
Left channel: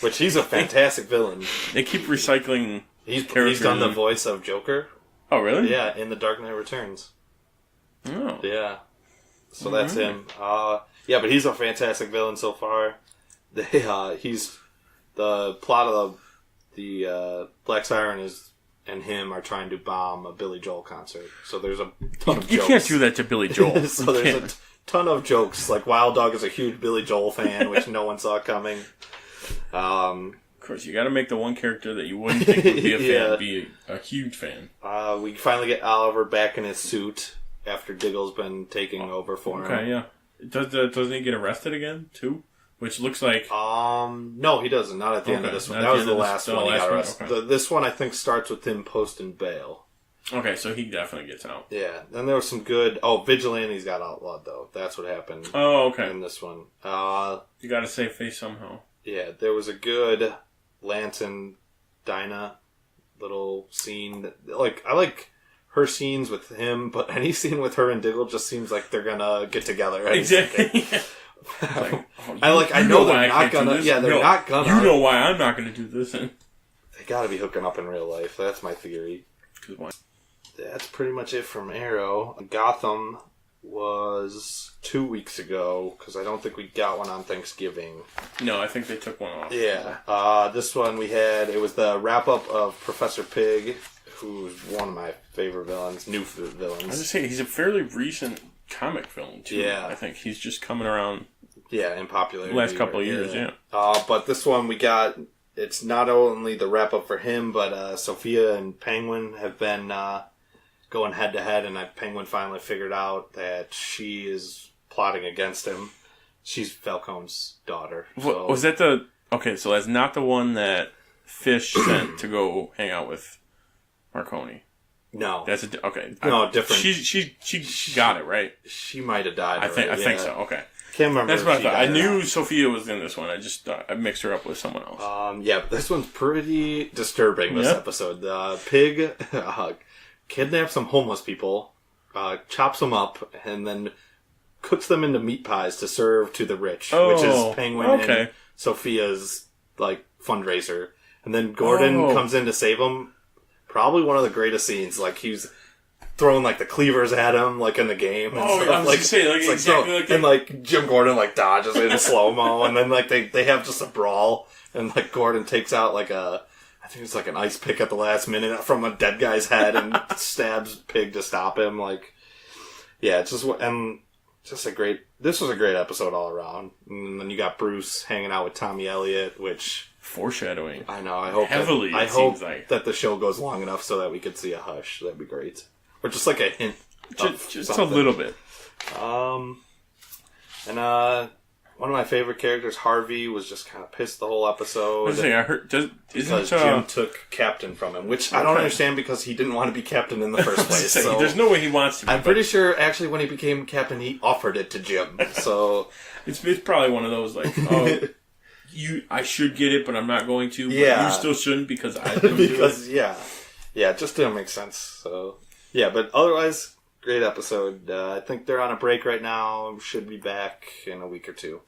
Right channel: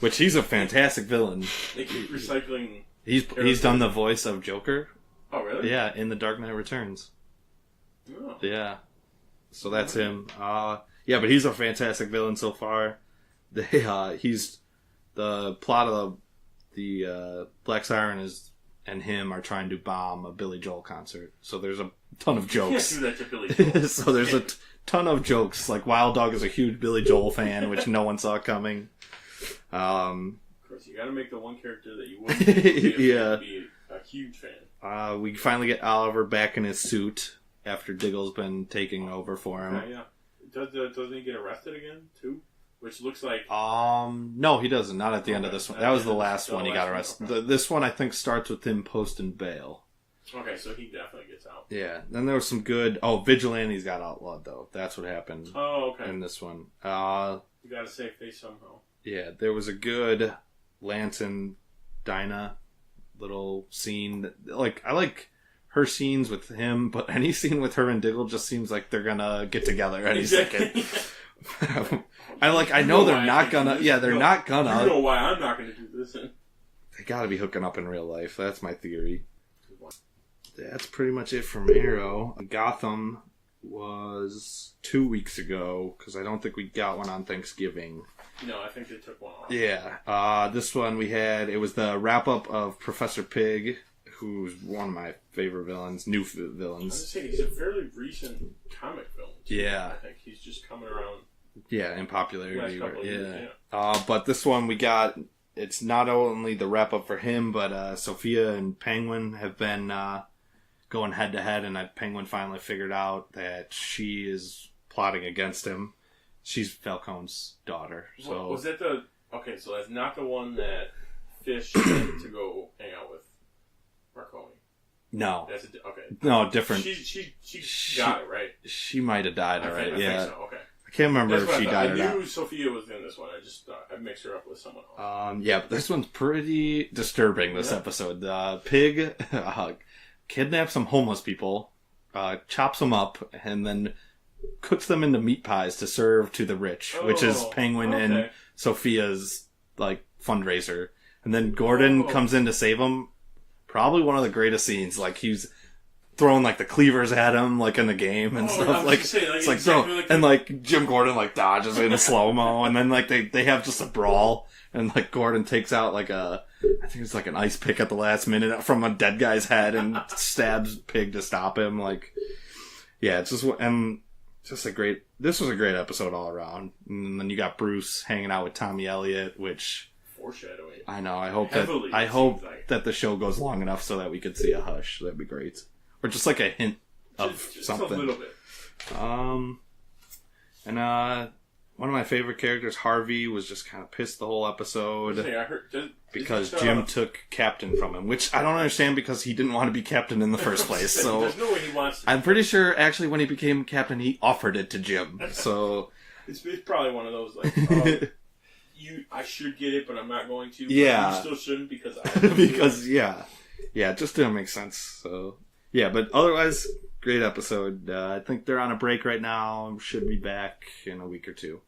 Which he's a fantastic villain. They keep recycling. He's done the voice of Joker. Oh, really? Yeah, in The Dark Knight Returns. Oh, yeah. So that's him. But he's a fantastic villain so far. He's the plot of the Black Siren is. And him are trying to bomb a Billy Joel concert. So there's a ton of jokes. You can't do that to Billy Joel. So there's a ton of jokes. Like Wild Dog is a huge Billy Joel fan, which no one saw coming. Of course, you got to make the one character that you wouldn't think would be a fan be a huge fan. We finally get Oliver back in his suit after Diggle's been taking over for him. Okay, yeah. Doesn't he get arrested again, too? Which looks like... No, he doesn't. Not at the end of this one. That was the last one he got arrested. Okay. This one, I think, starts with him posting bail. Okay, so he definitely gets out. Yeah. Then there was some good... Vigilantes got outlawed, though. That's what happened. Oh, okay. In this one. You gotta save face somehow. Yeah, there was a good Lance and Dinah little scene. I like her scenes with him, but any scene with her and Diggle just seems like they're gonna get together. Exactly. I know they're not gonna. Yeah, they're not gonna. You know why I'm not gonna do this? They gotta be hooking up in real life. That's my theory. That's pretty much it from Arrow. Gotham was 2 weeks ago because I don't think we got one on Thanksgiving. No, I think they took one off. Yeah. This one it was the wrap up of Professor Pig, who's one of my favorite villains, new villains. I was just saying, he's a fairly recent comic villain, too. Yeah. I think he's just coming around. Yeah, in popularity. The last couple of years, yeah. But this one it's not only the wrap up for him, but Sophia and Penguin have been going head to head, and Penguin finally figured out that she is plotting against him. She's Falcone's daughter. So. Was that the... Okay, so that's not the one that Fish sent to go hang out with Marconi. No. That's okay. No, different. She got it, right? She might have died. I think so. Okay. Can't remember if she died. I knew Sophia was in this one. I just I mixed her up with someone else. But this one's pretty disturbing. This episode, Pig kidnaps some homeless people, chops them up, and then cooks them into meat pies to serve to the rich, which is Penguin and Sophia's fundraiser. And then Gordon comes in to save him. Probably one of the greatest scenes. He's throwing like the cleavers at him like in the game and stuff. I was like, gonna say, like, it's exactly so, like and like Jim Gordon like dodges in slow mo, and then like they have just a brawl, and like Gordon takes out like I think it's like an ice pick at the last minute from a dead guy's head and stabs Pig to stop him. Like, yeah, it's just a great. This was a great episode all around. And then you got Bruce hanging out with Tommy Elliott, which foreshadowing. I know. I hope heavily. I hope that the show goes long enough so that we could see a Hush. That'd be great, or just like a hint, just a little bit. One of my favorite characters, Harvey, was just kind of pissed the whole episode. I heard because Jim took captain from him, which I don't understand because he didn't want to be captain in the first place. So there's no way he wants to be. I'm pretty sure, actually, when he became captain, he offered it to Jim. So it's probably one of those like, I should get it, but I'm not going to. But yeah, you still shouldn't because I didn't because it just didn't make sense. So yeah, but otherwise. Great episode. I think they're on a break right now. Should be back in a week or two.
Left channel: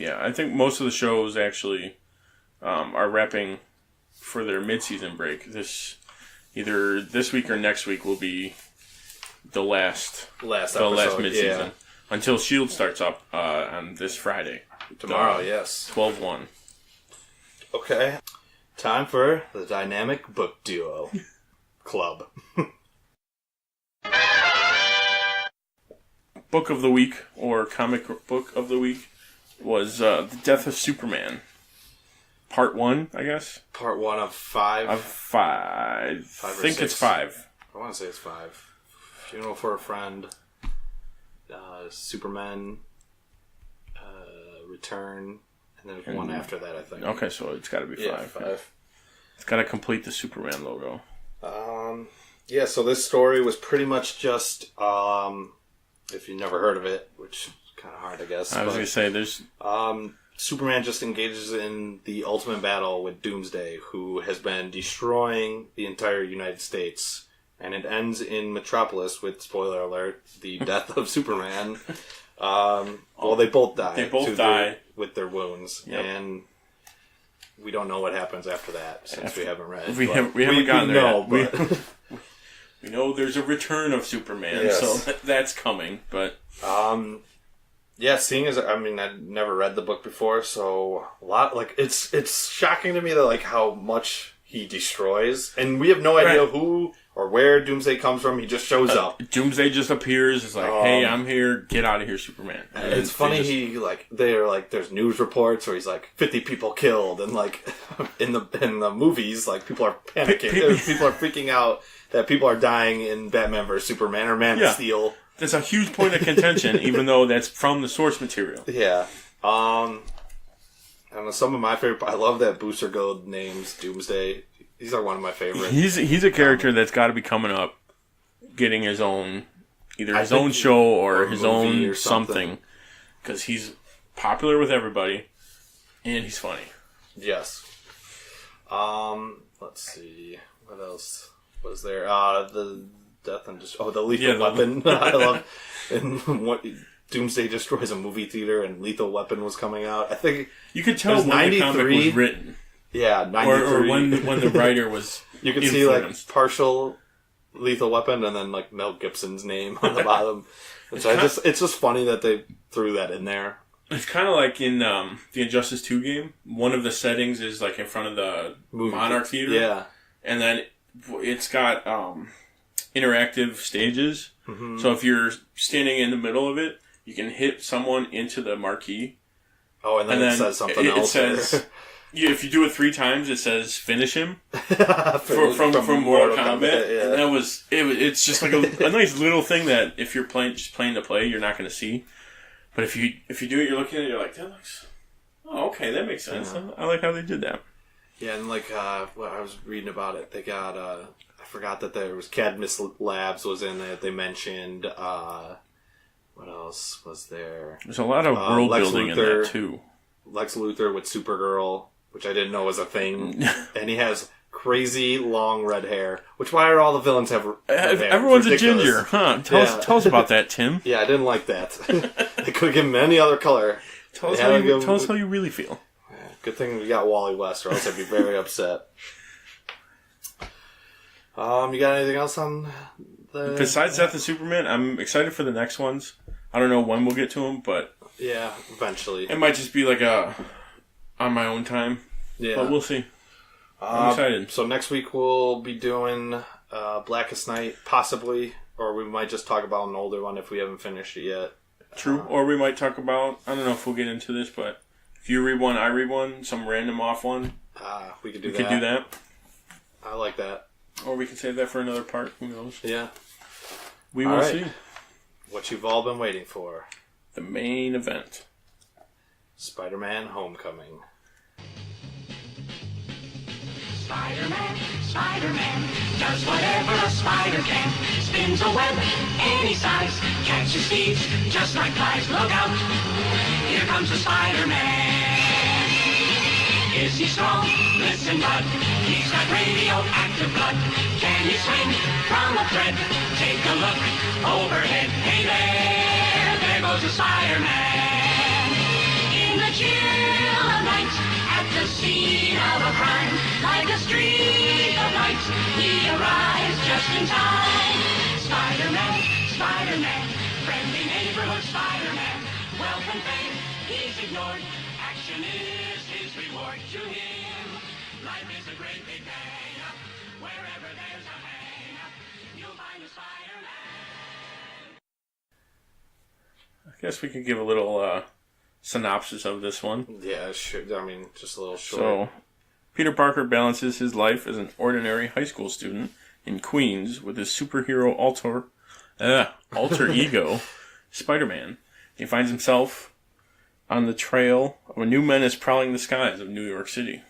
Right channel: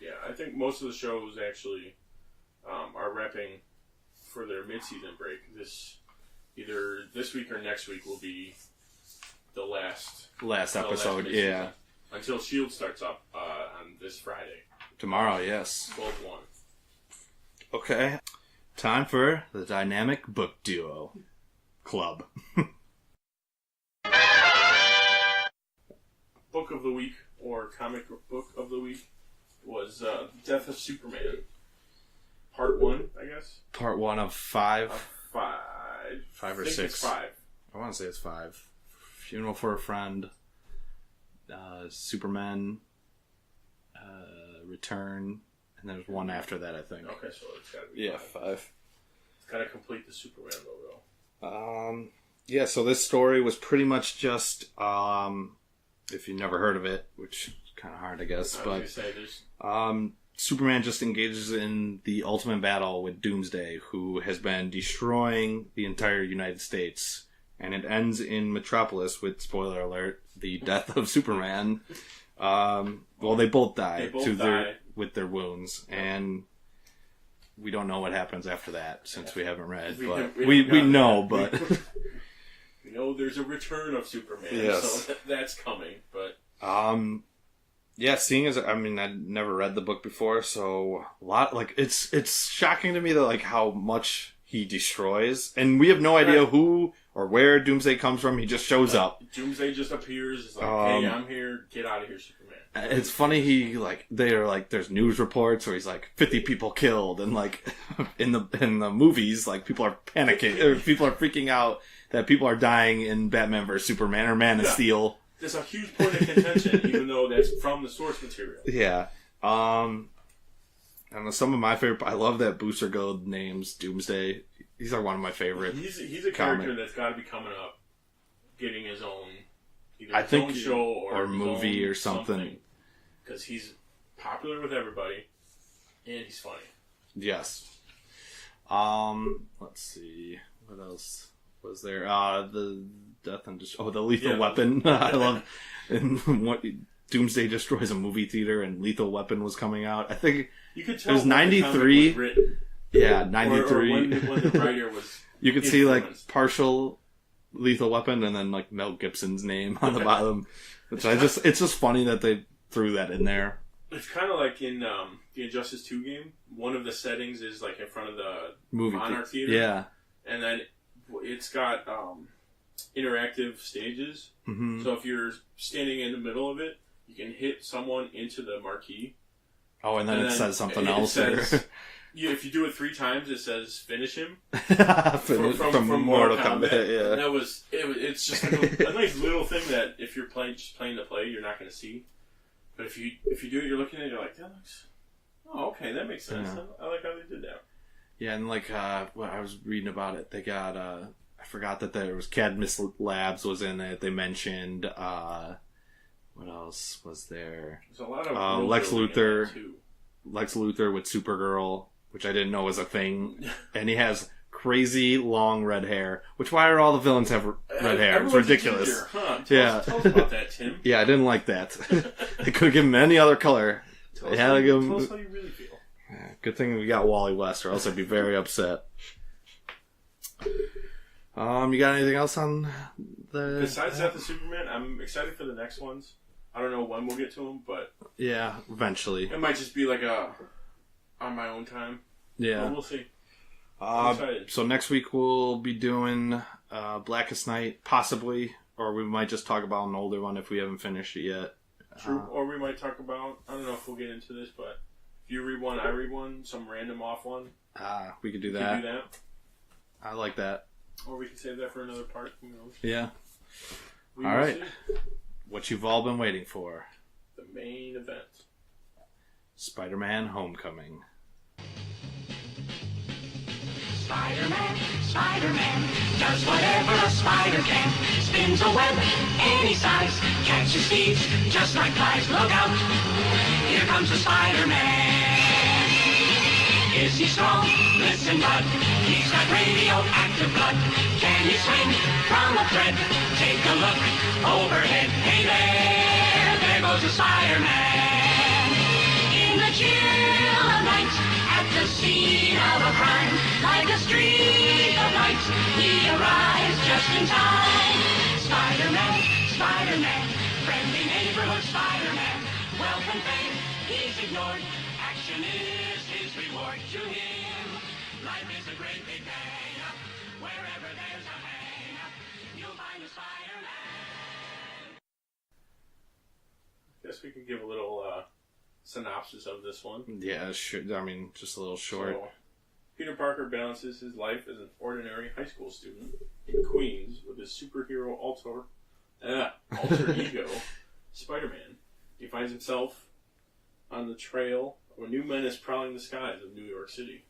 Yeah, I think most of the shows actually are wrapping for their mid-season break. Either this week or next week will be the last episode, mid-season. Yeah. Until S.H.I.E.L.D. starts up on this Friday. Tomorrow, yes. 12/1. Okay. Time for the Dynamic Book Duo Club. Book of the week, or comic book of the week, was The Death of Superman. Part 1, I guess? Part 1 of 5? Of 5. I think it's 5. I want to say it's 5. Funeral for a Friend, Superman, Return, and there's one after that, I think. Okay, so it's got to be 5. Yeah, 5. It's got to complete the Superman logo. Yeah, so this story was pretty much just... if you never heard of it, which is kind of hard, I guess. I was going to say, there's... Superman just engages in the ultimate battle with Doomsday, who has been destroying the entire United States. And it ends in Metropolis with, spoiler alert, the death of Superman. Well, they both die. They both die. With their wounds. Yep. And we don't know what happens after that, since we haven't read. We haven't gotten there know, yet. but... We know there's a return of Superman, yes. so that's coming, but... Yeah, seeing as, I mean, I'd never read the book before, so a lot, like, it's shocking to me that, like, how much he destroys, and we have no idea who or where Doomsday comes from, he just shows up. Doomsday just appears, it's like, hey, I'm here, get out of here, Superman. And it's funny, they're like, there's news reports where he's like, 50 people killed, and like, in the movies, like, people are panicking, people are freaking out that people are dying in Batman vs. Superman or Man of Steel. That's a huge point of contention, even though that's from the source material. Yeah. I don't know, some of my favorite... I love that Booster Gold names Doomsday. These are one of my favorites. He's a character that's got to be coming up, getting his own... Either his own show or his own or something. Because he's popular with everybody, and he's funny. Yes. Let's see. What else was there? The death and just the Lethal Weapon. I love and what Doomsday destroys a movie theater and Lethal Weapon was coming out. I think you could tell when 93 the comic was written. Yeah, 93. Or when the writer was you could see like partial Lethal Weapon and then like Mel Gibson's name on the bottom. Which it's just funny that they threw that in there. It's kind of like in the Injustice 2 game. One of the settings is like in front of the Monarch Theater. Yeah. And then it's got interactive stages. Mm-hmm. So if you're standing in the middle of it, you can hit someone into the marquee. Oh, and then it says something else. It says, if you do it 3 times, it says finish him from Mortal Kombat. Yeah. And that was it's just like a nice little thing that if you're just playing the play, you're not going to see. But if you do it, you're looking at it, you're like, that looks... Oh, okay, that makes sense. Yeah. I like how they did that. Yeah, and like, I was reading about it. They got, I forgot that there was Cadmus Labs was in it. They mentioned, what else was there? There's a lot of world building in that, too. Lex Luthor with Supergirl, which I didn't know was a thing. And he has crazy long red hair. Why are all the villains have red hair? Everyone's a ginger, huh? Tell us about that, Tim. Yeah, I didn't like that. They could give him any other color. Tell us how you really feel. Yeah, good thing we got Wally West, or else I'd be very upset. You got anything else on Besides Death of Superman, I'm excited for the next ones. I don't know when we'll get to them, but yeah, eventually. It might just be like on my own time. Yeah, but we'll see. I'm excited. So next week we'll be doing Blackest Night, possibly, or we might just talk about an older one if we haven't finished it yet. True. Or we might talk about, I don't know if we'll get into this, but if you read one, I read one, some random off one. We could do that. We could do that. I like that. Or we could save that for another part. Who knows? Yeah. We will see. What you've all been waiting for. The main event. Spider-Man Homecoming. Spider-Man, Spider-Man, does whatever a spider can. Spins a web any size, catches thieves just like flies. Look out, here comes the Spider-Man. Is he strong? Listen, bud, he's got radioactive blood. Can he swing from a thread? Take a look overhead. Hey there goes the Spider-Man. In the chill of night, at the scene of a crime, like a streak of light, he arrives just in time. Spider-Man, Spider-Man, friendly neighborhood Spider-Man. Wealth and fame, he's ignored. Action is his reward to him. Life is a great big hang up. Wherever there's a hang up, you'll find a Spider-Man. I guess we could give a little synopsis of this one. Yeah, sure. I mean, just a little short. So, Peter Parker balances his life as an ordinary high school student in Queens with his superhero alter ego, Spider-Man. He finds himself on the trail of a new menace prowling the skies of New York City.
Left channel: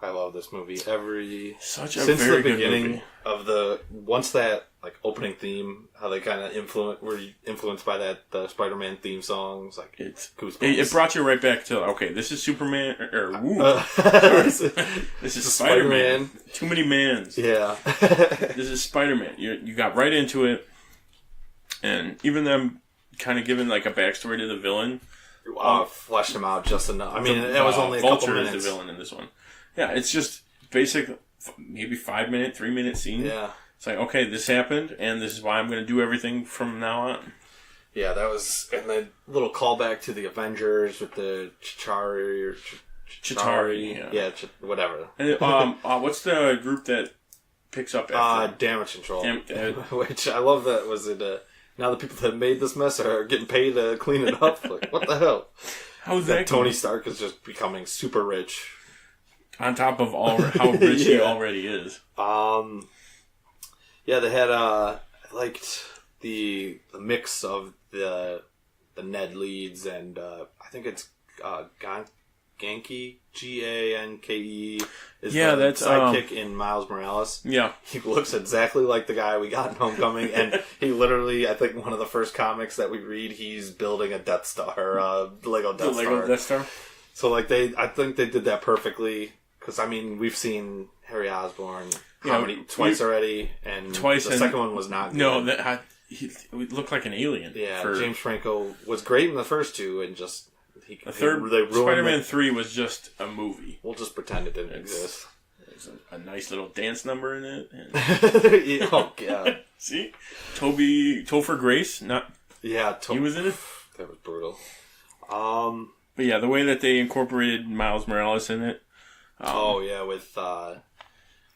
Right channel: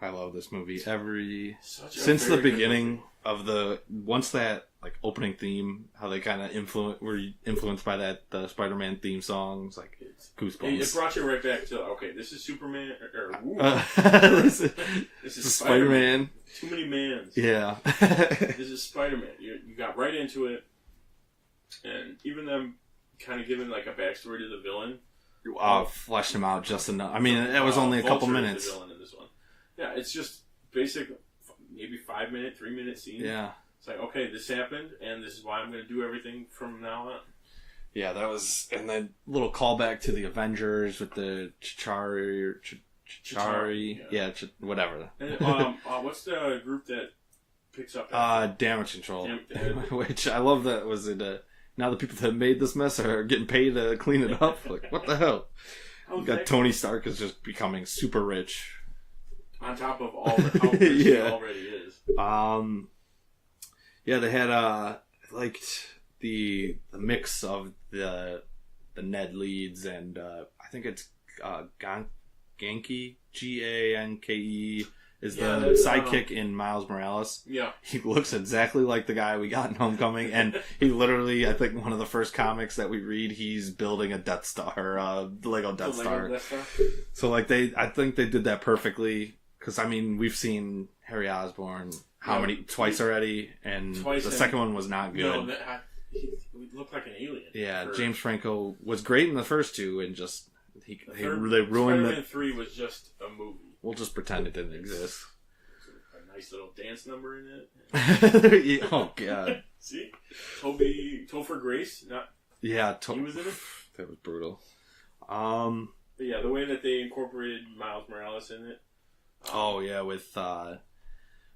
I love this movie. Since very the beginning movie. of once that opening theme, how they kind of were influenced by the Spider-Man theme songs, it's goosebumps. It brought you right back to this is Superman this is Spider-Man. Too many mans. Yeah. This is Spider-Man. You got right into it, and even them kind of giving a backstory to the villain. Fleshed him out just enough. I mean, it was only a couple minutes. Is the villain in this one. Yeah, it's just basic, maybe 5-minute, 3-minute scene. Yeah. It's like, okay, this happened, and this is why I'm going to do everything from now on. Yeah, that was... And then little callback to the Avengers with the Chitauri. Yeah, whatever. And, what's the group that picks up after? Damage Control. Which I love that was it... now the people that made this mess are getting paid to clean it up. What the hell? How's that Tony Stark is just becoming super rich. On top of how rich he already is. Yeah, they had I liked the mix of the Ned leads, and I think it's Ganke, Ganke is the sidekick in Miles Morales. Yeah, he looks exactly like the guy we got in Homecoming, and he literally, I think one of the first comics that we read, he's building a Death Star, Lego Death Star. So I think they did that perfectly. Because, I mean, we've seen Harry Osborn twice already, and the second one was not good. No, he looked like an alien. Yeah, James Franco was great in the first two, and just... they ruined Spider-Man 3 was just a movie. We'll just pretend it didn't exist. There's a nice little dance number in it. And... Oh, God. See? Topher Grace, he was in it? That was brutal. But yeah, the way that they incorporated Miles Morales in it,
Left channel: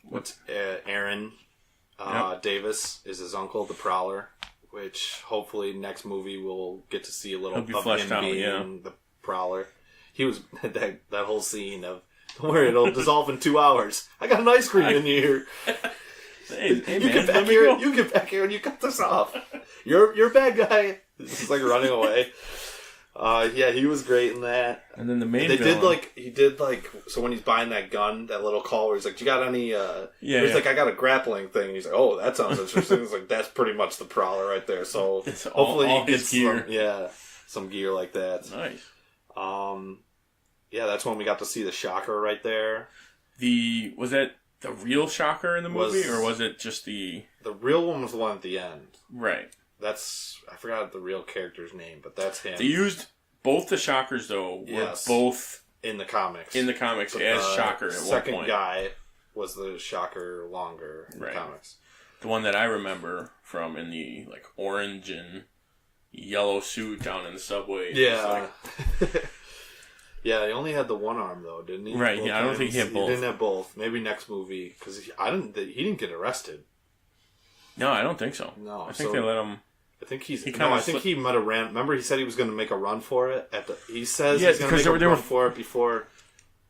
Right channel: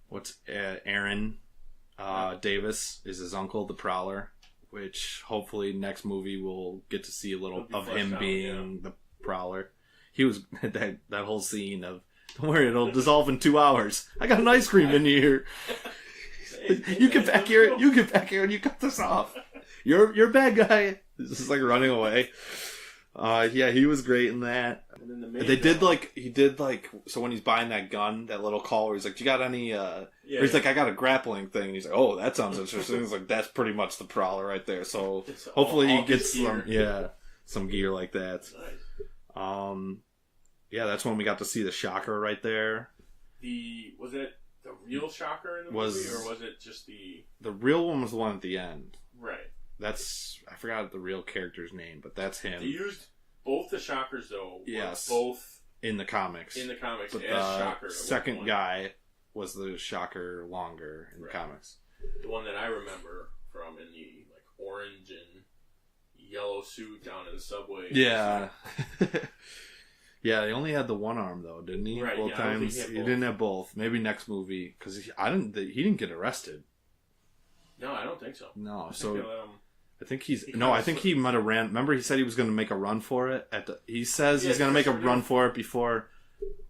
with Aaron Davis is his uncle, the Prowler, which hopefully next movie we'll get to see a little of him being the Prowler. He was that whole scene of, don't worry, it'll dissolve in 2 hours. I got an ice cream in here. You get back here and you cut this off. You're a bad guy. This is running away. He was great in that. And then the main villain. So when he's buying that gun, that little call where he's like, do you got any, he's like, I got a grappling thing. He's like, oh, that sounds interesting. He's like, that's pretty much the Prowler right there. So hopefully he gets some gear like that. Nice. That's when we got to see the Shocker right there. Was that the real Shocker in the movie, or was it just the real one was the one at the end? Right. I forgot the real character's name, but that's him. They used both the Shockers, though. Both in the comics. As Shocker at one point. Second guy was the Shocker longer in the comics. the one that I remember from in the like orange and yellow suit down in the subway. Yeah. Yeah, he only had the one arm though, didn't he? Right. Both Yeah, I don't think he had both. He didn't have both. Maybe next movie because he didn't get arrested. No, I don't think so. No, I think they let him. I think he might have ran. Remember, he said he was going to make a run for it. He says he's going to make a run for it before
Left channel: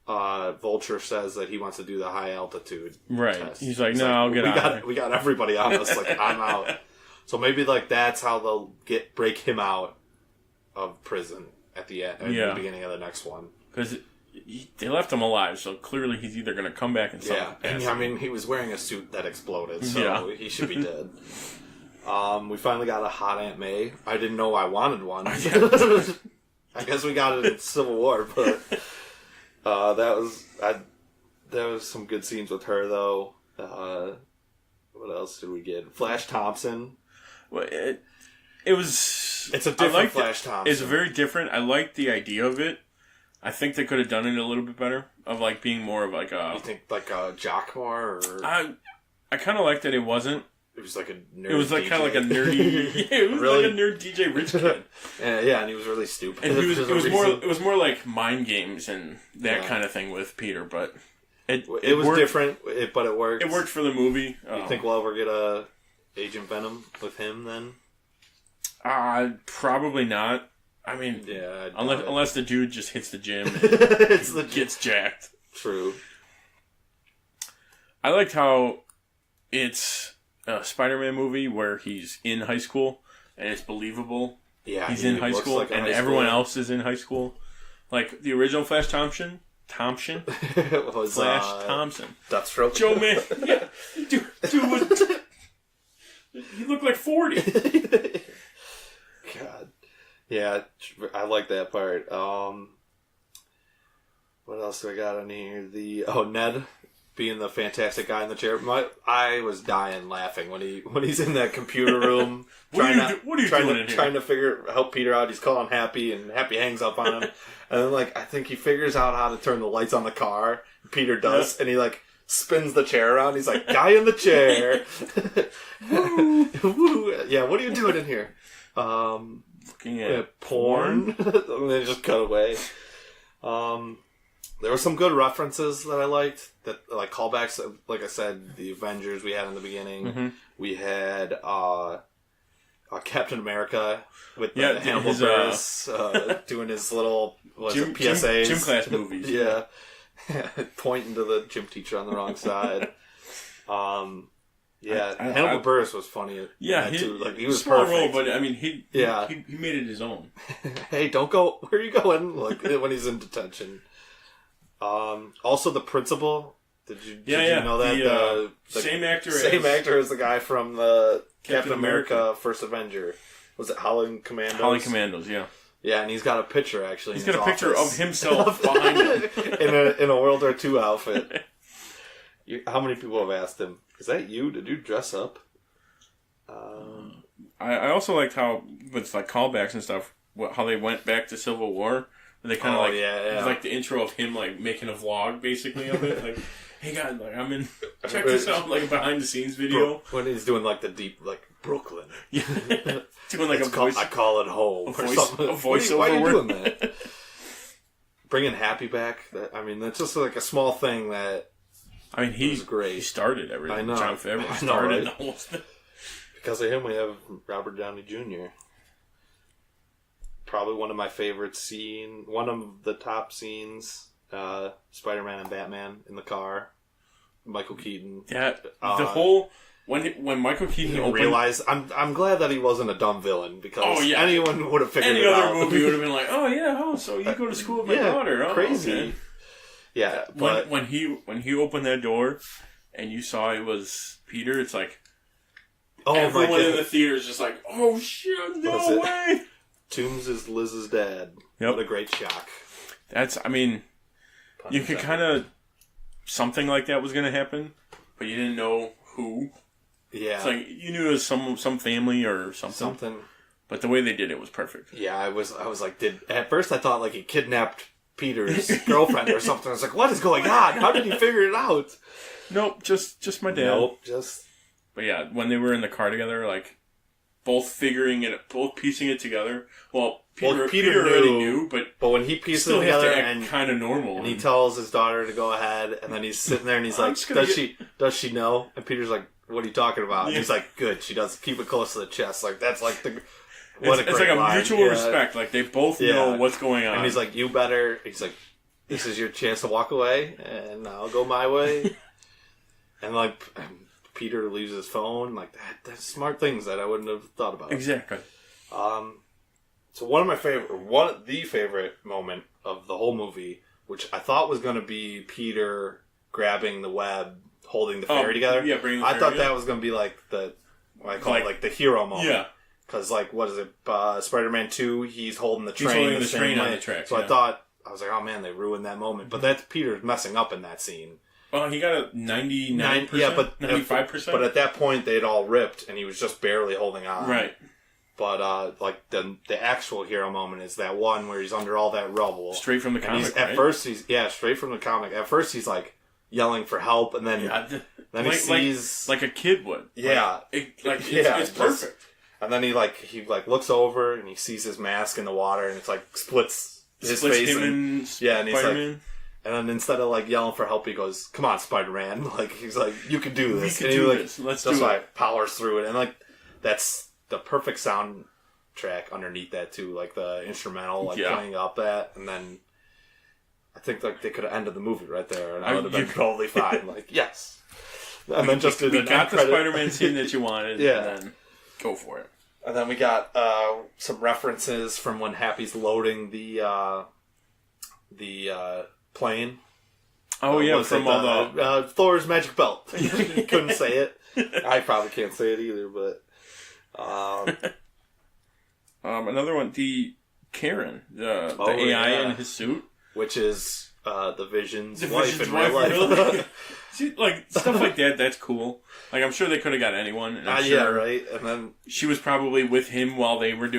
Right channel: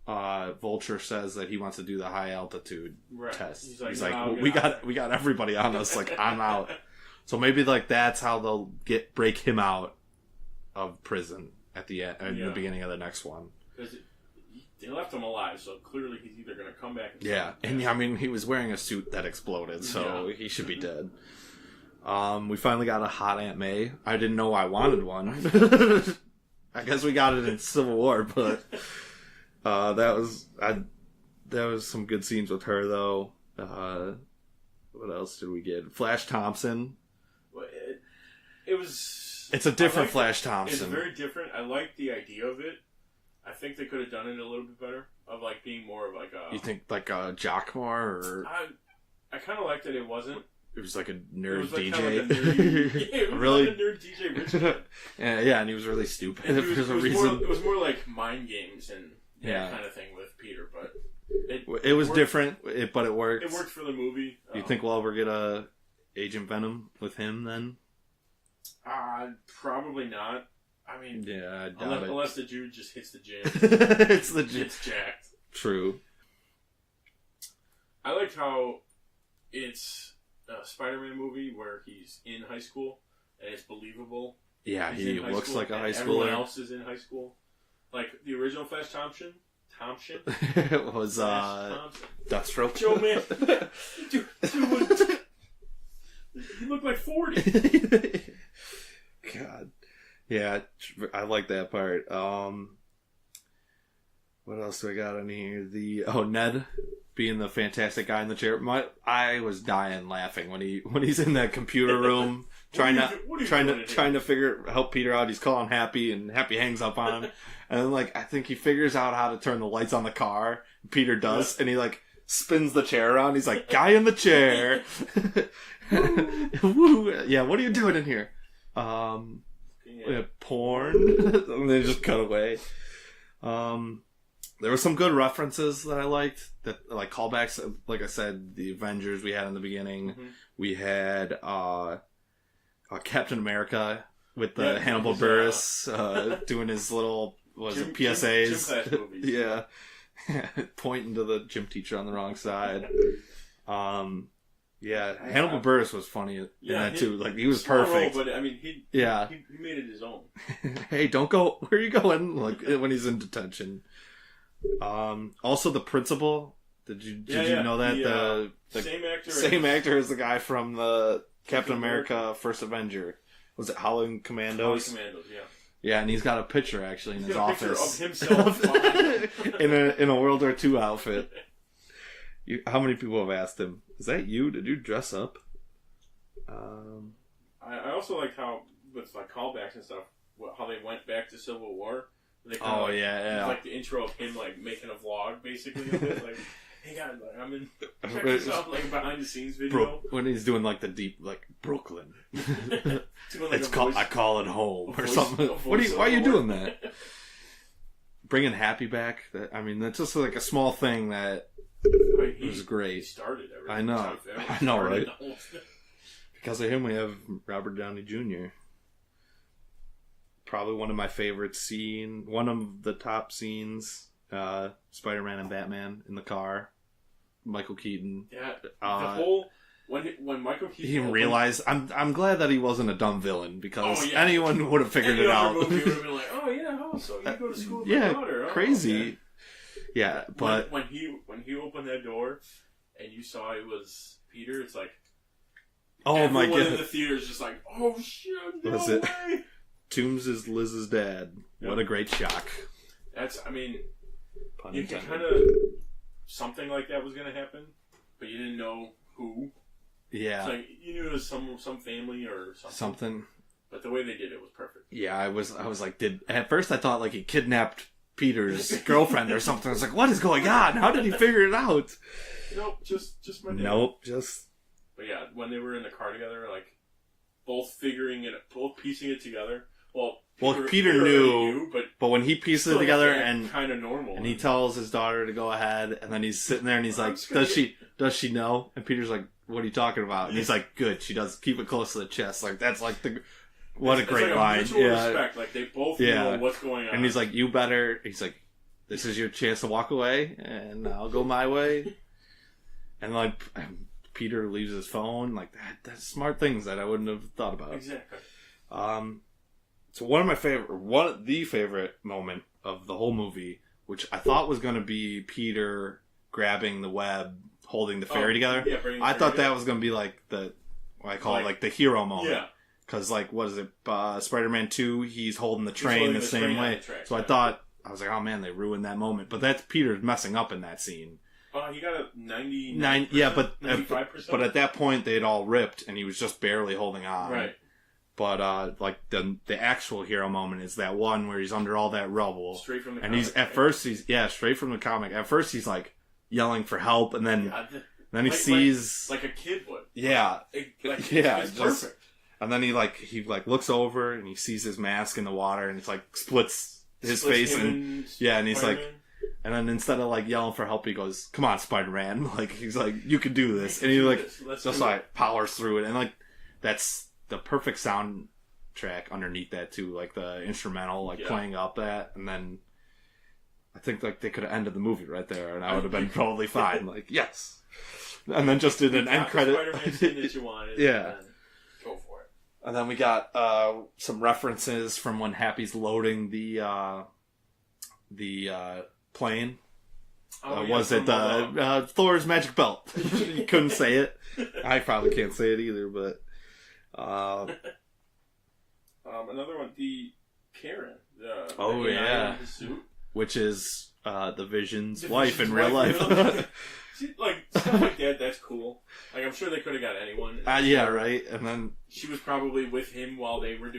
Vulture says that he wants to do the high altitude test. He's like, I'll get out. We got everybody on this. Like, I'm out. So maybe like that's how they'll break him out of prison at the end, at the beginning of the next one. Because they left him alive, so clearly he's either going to come back and and I mean he was wearing a suit that exploded, so he should be dead. We finally got a hot Aunt May. I didn't know I wanted one. I guess we got it in Civil War, but that was some good scenes with her though. What else did we get? Flash Thompson. Well, it's a different Flash Thompson. It's very different. I like the idea of it. I think they could have done it a little bit better. Of like being more of like a. You think like a Jockmore or? I kind of liked that it wasn't. It was like a nerd. It was like kind of like a nerdy. Yeah, it was really? like a nerd DJ Rich kid. Yeah, and he was really stupid. And it was more like mind games and that kind of thing with Peter, but it was worked. Different, but it worked. It worked for the movie. You think we'll ever get a Agent Venom with him then? Probably not. I mean, unless the dude just hits the gym and gets jacked. True. I liked how it's a Spider-Man movie where he's in high school and it's believable. Yeah, he's in high school and everyone else is in high school. Like the original Flash Thompson was Flash Thompson. Deathstroke. Joe Man. Yeah. Dude was, he looked like 40. God. Yeah, I like that part. What else do I got on here? Ned being the fantastic guy in the chair. I was dying laughing when he's in that computer room trying to help Peter out. He's calling Happy, and Happy hangs up on him. And then I think he figures out how to turn the lights on the car. Peter does, and he spins the chair around. He's like, guy in the chair. Woo. Yeah, what are you doing in here? Looking at porn. And they just cut away. There were some good references that I liked, that callbacks. Like I said, the Avengers we had in the beginning. Mm-hmm. We had Captain America with the Hannibal Buress doing his little PSAs, gym class movies. Yeah, pointing to the gym teacher on the wrong side. Hannibal Buress was funny. Too. He was perfect. Role, but I mean, he made it his own. Hey, don't go. Where are you going? When he's in detention. Also, the principal. Did you know that the same actor as the guy from the Captain America First Avenger? Was it Howling Commandos? Howling Commandos, yeah. Yeah, and he's got a picture actually. He's got a picture of himself behind him in a World War II outfit. How many people have asked him? Is that you? Did you dress up? I also liked how with callbacks and stuff, how they went back to Civil War. They kind of it was like the intro of him making a vlog basically of it. Hey guys, I'm in. Check this out, behind the scenes video when he's doing the deep Brooklyn. Yeah. Doing I call it home or something. Why are you doing that? Bringing Happy back. That's just a small thing that. He's great. He started everything. I know. John Favreau started the whole thing. Because of him, we have Robert Downey Jr. Probably one of my favorite scenes. One of the top scenes. Spider-Man and Batman in the car. Michael Keaton. Yeah. The whole when Michael Keaton realized, I'm glad that he wasn't a dumb villain because anyone would have figured it out. Any other movie would have been like, so you go to school with my daughter? Oh, crazy. Okay. Yeah, but when he opened that door and you saw it was Peter, it's like everyone in the theater is just like, oh shit, no way. Toombs is Liz's dad. Yep. What a great shock. You could kind of something like that was going to happen, but you didn't know who. Yeah, it's you knew it was some family or something. But the way they did it was perfect. Yeah, I was like, at first I thought he kidnapped Peter's girlfriend or something. I was like, what is going on? How did he figure it out? Nope, just my dad. Nope, just But yeah, when they were in the car together, like, both piecing it together. Well, Peter already knew, but when he pieced it still together have to act and kind of normal, and he tells his daughter to go ahead, and then he's sitting there and he's like, does she know? And Peter's like, what are you talking about? And he's like, good, she does. Keep it close to the chest. Like, that's like the... It's like a mutual respect. Like, they both know what's going on. And he's like, you better... He's like, this is your chance to walk away, and I'll go my way. And, like, Peter leaves his phone. Like, that's smart things that I wouldn't have thought about. Exactly. So the favorite moment of the whole movie, which I thought was going to be Peter grabbing the web, holding the ferry together. Yeah, I thought that was going to be like what I call it, like the hero moment. Yeah. Because, like, what is it? Spider-Man 2, he's holding the train holding the same way. On the track, so I was like, oh man, they ruined that moment. But that's Peter's messing up in that scene. Oh, he got a 99%? Yeah, but 95%? But at that point, they'd all ripped, and he was just barely holding on. Right. But, like, the actual hero moment is that one where he's under all that rubble. Straight from the comic, straight from the comic. At first, he's, like, yelling for help, and then he sees... Like a kid would. Yeah. It's perfect. And then he looks over, and he sees his mask in the water, and it's, like, splits his face. And he's like... And then instead of, like, yelling for help, he goes, come on, Spider-Man. Like, he's like, you can do this. We can do this. Let's do it. Just, like, powers through it. And, like, that's the perfect soundtrack underneath that, too. Like, the instrumental, playing up that. And then I think, like, they could have ended the movie right there. And I would have been totally fine. Like, yes. And then just did an end credit. The Spider-Man scene that you wanted. Yeah. And then go for it. And then we got some references from when Happy's loading the plane. Oh, yeah. Was it Thor's magic belt? Couldn't say it. I probably can't say it either, but... another one, the Karen, the AI in his suit. Which is the Vision's wife in real life. Really? See, like, stuff like that, that's cool. Like, I'm sure they could have got anyone. Yeah, right. And then... She was probably with him while he was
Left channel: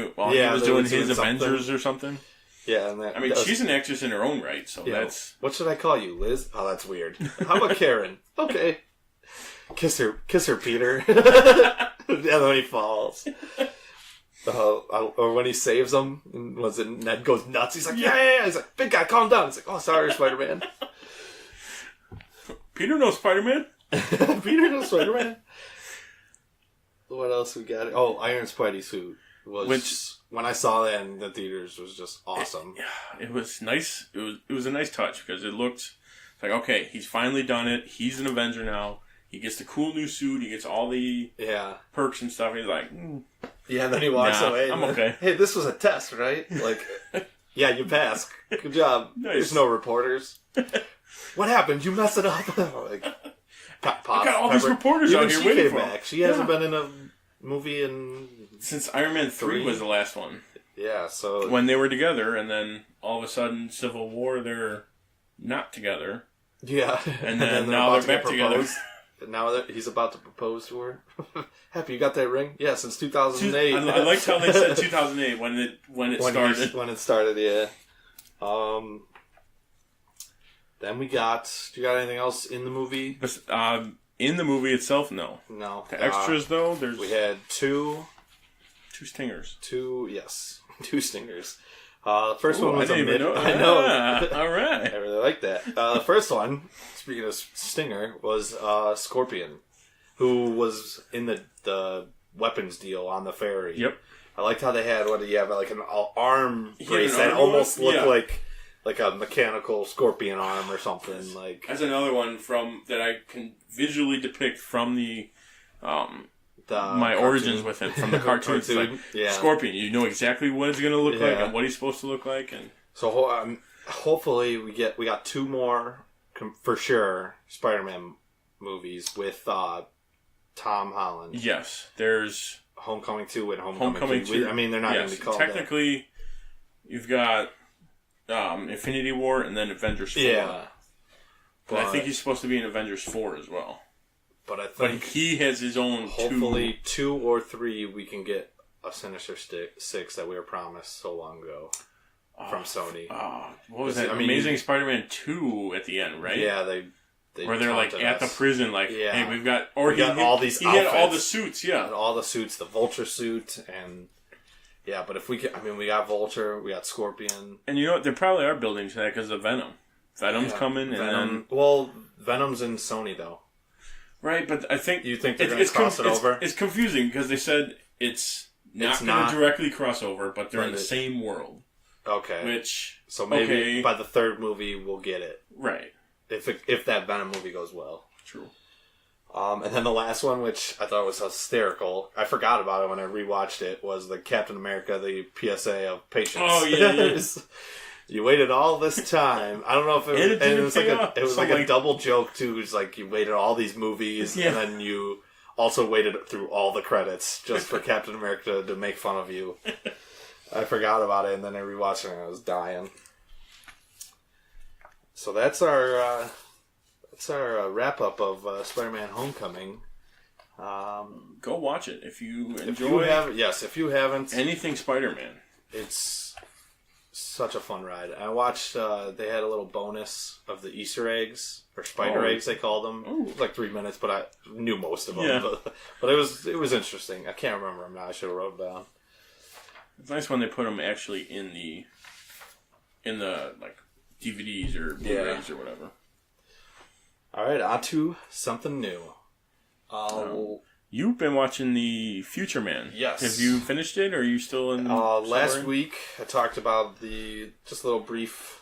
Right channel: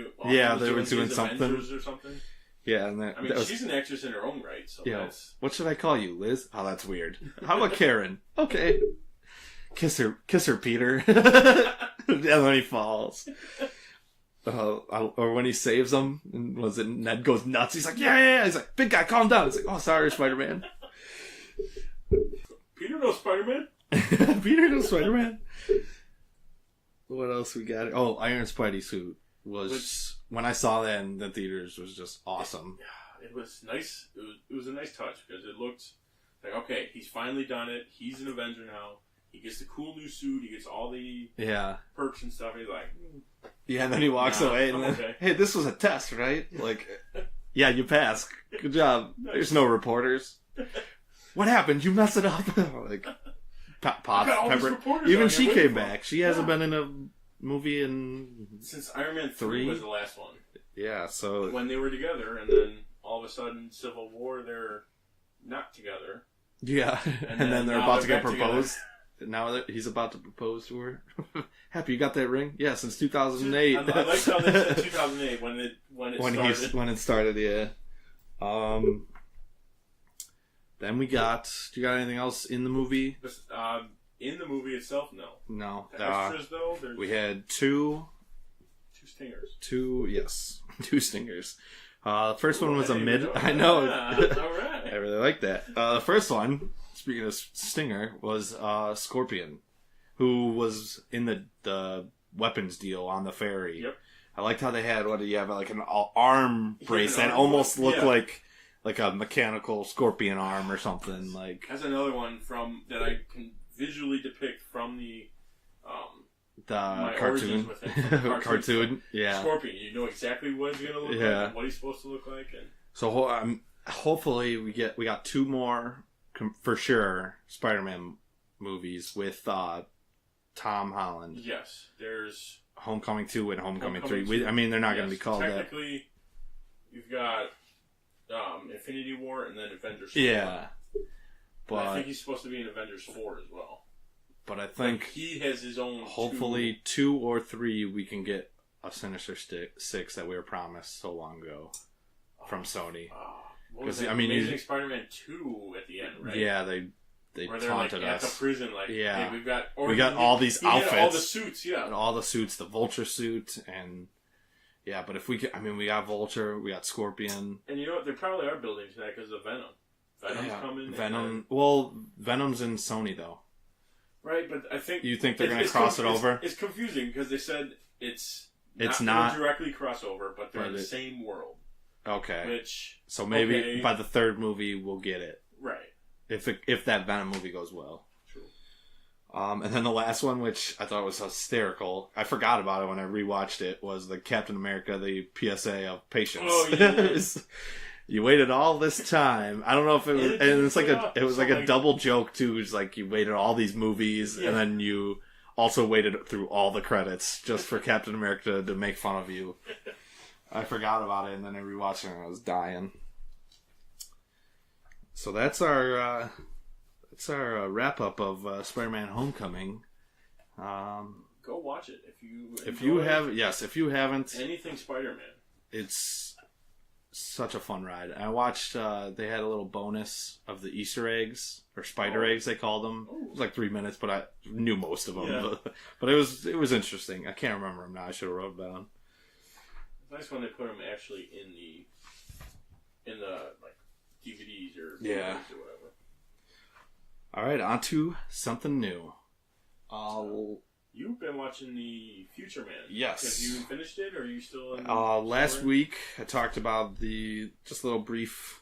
doing his Avengers or something. Yeah, and she's an actress in her own right, so that's... What should I call you, Liz? Oh, that's weird. How about Karen? Okay. Kiss her, Peter. And then he falls. Or when he saves him, and Ned goes nuts. He's like, yeah. He's like, big guy, calm down. He's like, oh, sorry, Spider-Man. Peter knows Spider-Man? Peter knows Spider-Man. What else we got? Oh, Iron Spidey suit. Which, when I saw that in the theaters, was just awesome. It was nice. It was a nice touch, because it looked like, okay, he's finally done it. He's an Avenger now. He gets the cool new suit. He gets all the perks and stuff. He's like, yeah, and then he walks away. I'm okay. Hey, this was a test, right? Like, yeah, you passed. Good job. Nice. There's no reporters. What happened? You messed it up. Like, got all these reporters. Even out here she waiting came for back. She hasn't been in a movie since Iron Man 3 was the last one. Yeah, so when they were together, and then all of a sudden, Civil War, they're not together. Yeah, and then they're about to get proposed. Now he's about to propose to her. Happy, you got that ring? Yeah, since 2008. I liked how they said 2008 when it started. When it started, yeah. Then we got... Do you got anything else in the movie? In the movie itself, no. No. The extras, though, we had two stingers. Two stingers. First one was I know. All right. I really like that. The first one, speaking of stinger, was Scorpion, who was in the weapons deal on the ferry. Yep. I liked how they had like an arm brace that almost looked like a mechanical scorpion arm or something. Like that's another one that I can visually depict from my cartoon. origins with it from the cartoon. Like, Scorpion, you know exactly what it's going to look like and what he's supposed to look like, and so hopefully we got two more for sure Spider-Man movies with Tom Holland. Yes, there's Homecoming 2 and Homecoming 2. I mean, they're not going to be called technically. You've got Infinity War and then Avengers 4. Yeah, but I think he's supposed to be in Avengers 4 as well. But I think he has his own. Hopefully, 2 or 3 we can get a Sinister Six that we were promised so long ago from Sony. What was that? Amazing Spider-Man 2 at the end, right? Yeah, Where they're like at the prison, like, hey, we got all these outfits, all the suits, all the suits, the Vulture suit, and but if we got Vulture, we got Scorpion, and you know what? They probably are building to that because of Venom. Venom's coming. Venom. Well, Venom's in Sony though, right? But I think they're going to cross it over. It's confusing because they said it's not going to directly cross over, but they're in the same world. Okay. So maybe by the third movie we'll get it. Right. If that Venom movie goes well. True. And then the last one, which I thought was hysterical, I forgot about it when I rewatched it, was the Captain America, the PSA of patience. Oh yeah. You waited all this time. I don't know if it was like a double joke too. It's like you waited all these movies and then you also waited through all the credits just for Captain America to make fun of you. I forgot about it and then I rewatched it and I was dying. So that's our wrap up of Spider-Man: Homecoming. Go watch it if you enjoy. If you haven't, anything Spider-Man, it's such a fun ride. I watched. They had a little bonus of the Easter eggs or spider eggs they called them. It was like 3 minutes, but I knew most of them. Yeah. But it was interesting. I can't remember them now. I should have wrote it down. It's nice when they put them actually in the like DVDs or Blu-rays or whatever. All right, on to something new. You've been watching the Future Man. Yes. Have you finished it, or are you still in? Last week, I talked about just a little brief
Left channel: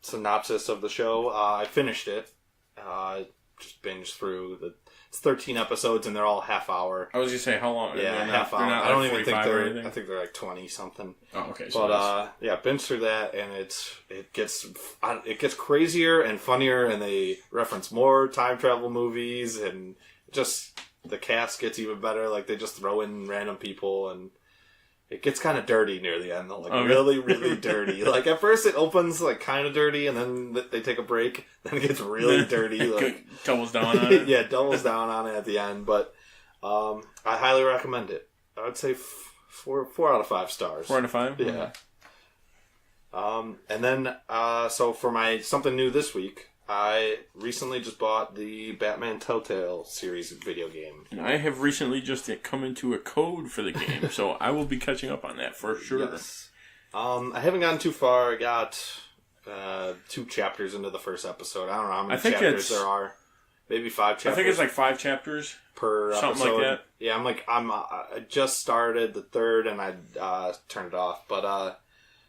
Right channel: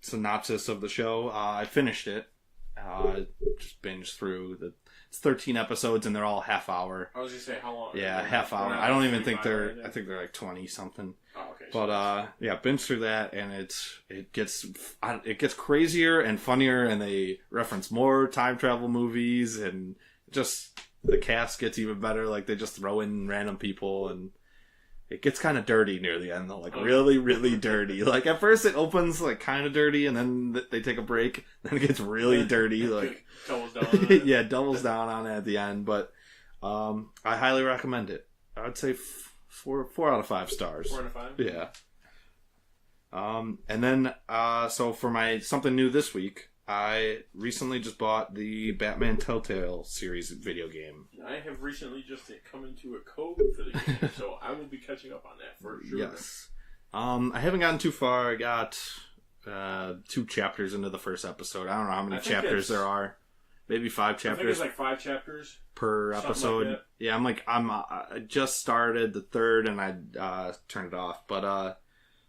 synopsis of the show. I finished it. Just binged through it's 13 episodes and they're all half hour. I was gonna say how long? Yeah, half hour. I don't even think they're. I think they're like 20 something. Oh, okay. But binge through that and it gets crazier and funnier and they reference more time travel movies and just the cast gets even better. Like they just throw in random people and it gets kind of dirty near the end though. Like really, really dirty. Like at first it opens like kind of dirty and then they take a break. Then it gets really dirty. Like doubles down on it. Yeah, doubles down on it at the end. But I highly recommend it. I would say 4 out of 5 stars. 4 out of 5? Yeah. And then so for my something new this week, I recently just bought the Batman Telltale series video game. And I have recently just come into a code for the game, so I will be catching up on that for sure. Yes. I haven't gotten too far. I got 2 chapters into the first episode. I don't know how many chapters there are. Maybe 5 chapters. I think it's like 5 chapters per something episode. Like that. Yeah, I just started the 3rd and I turned it off. But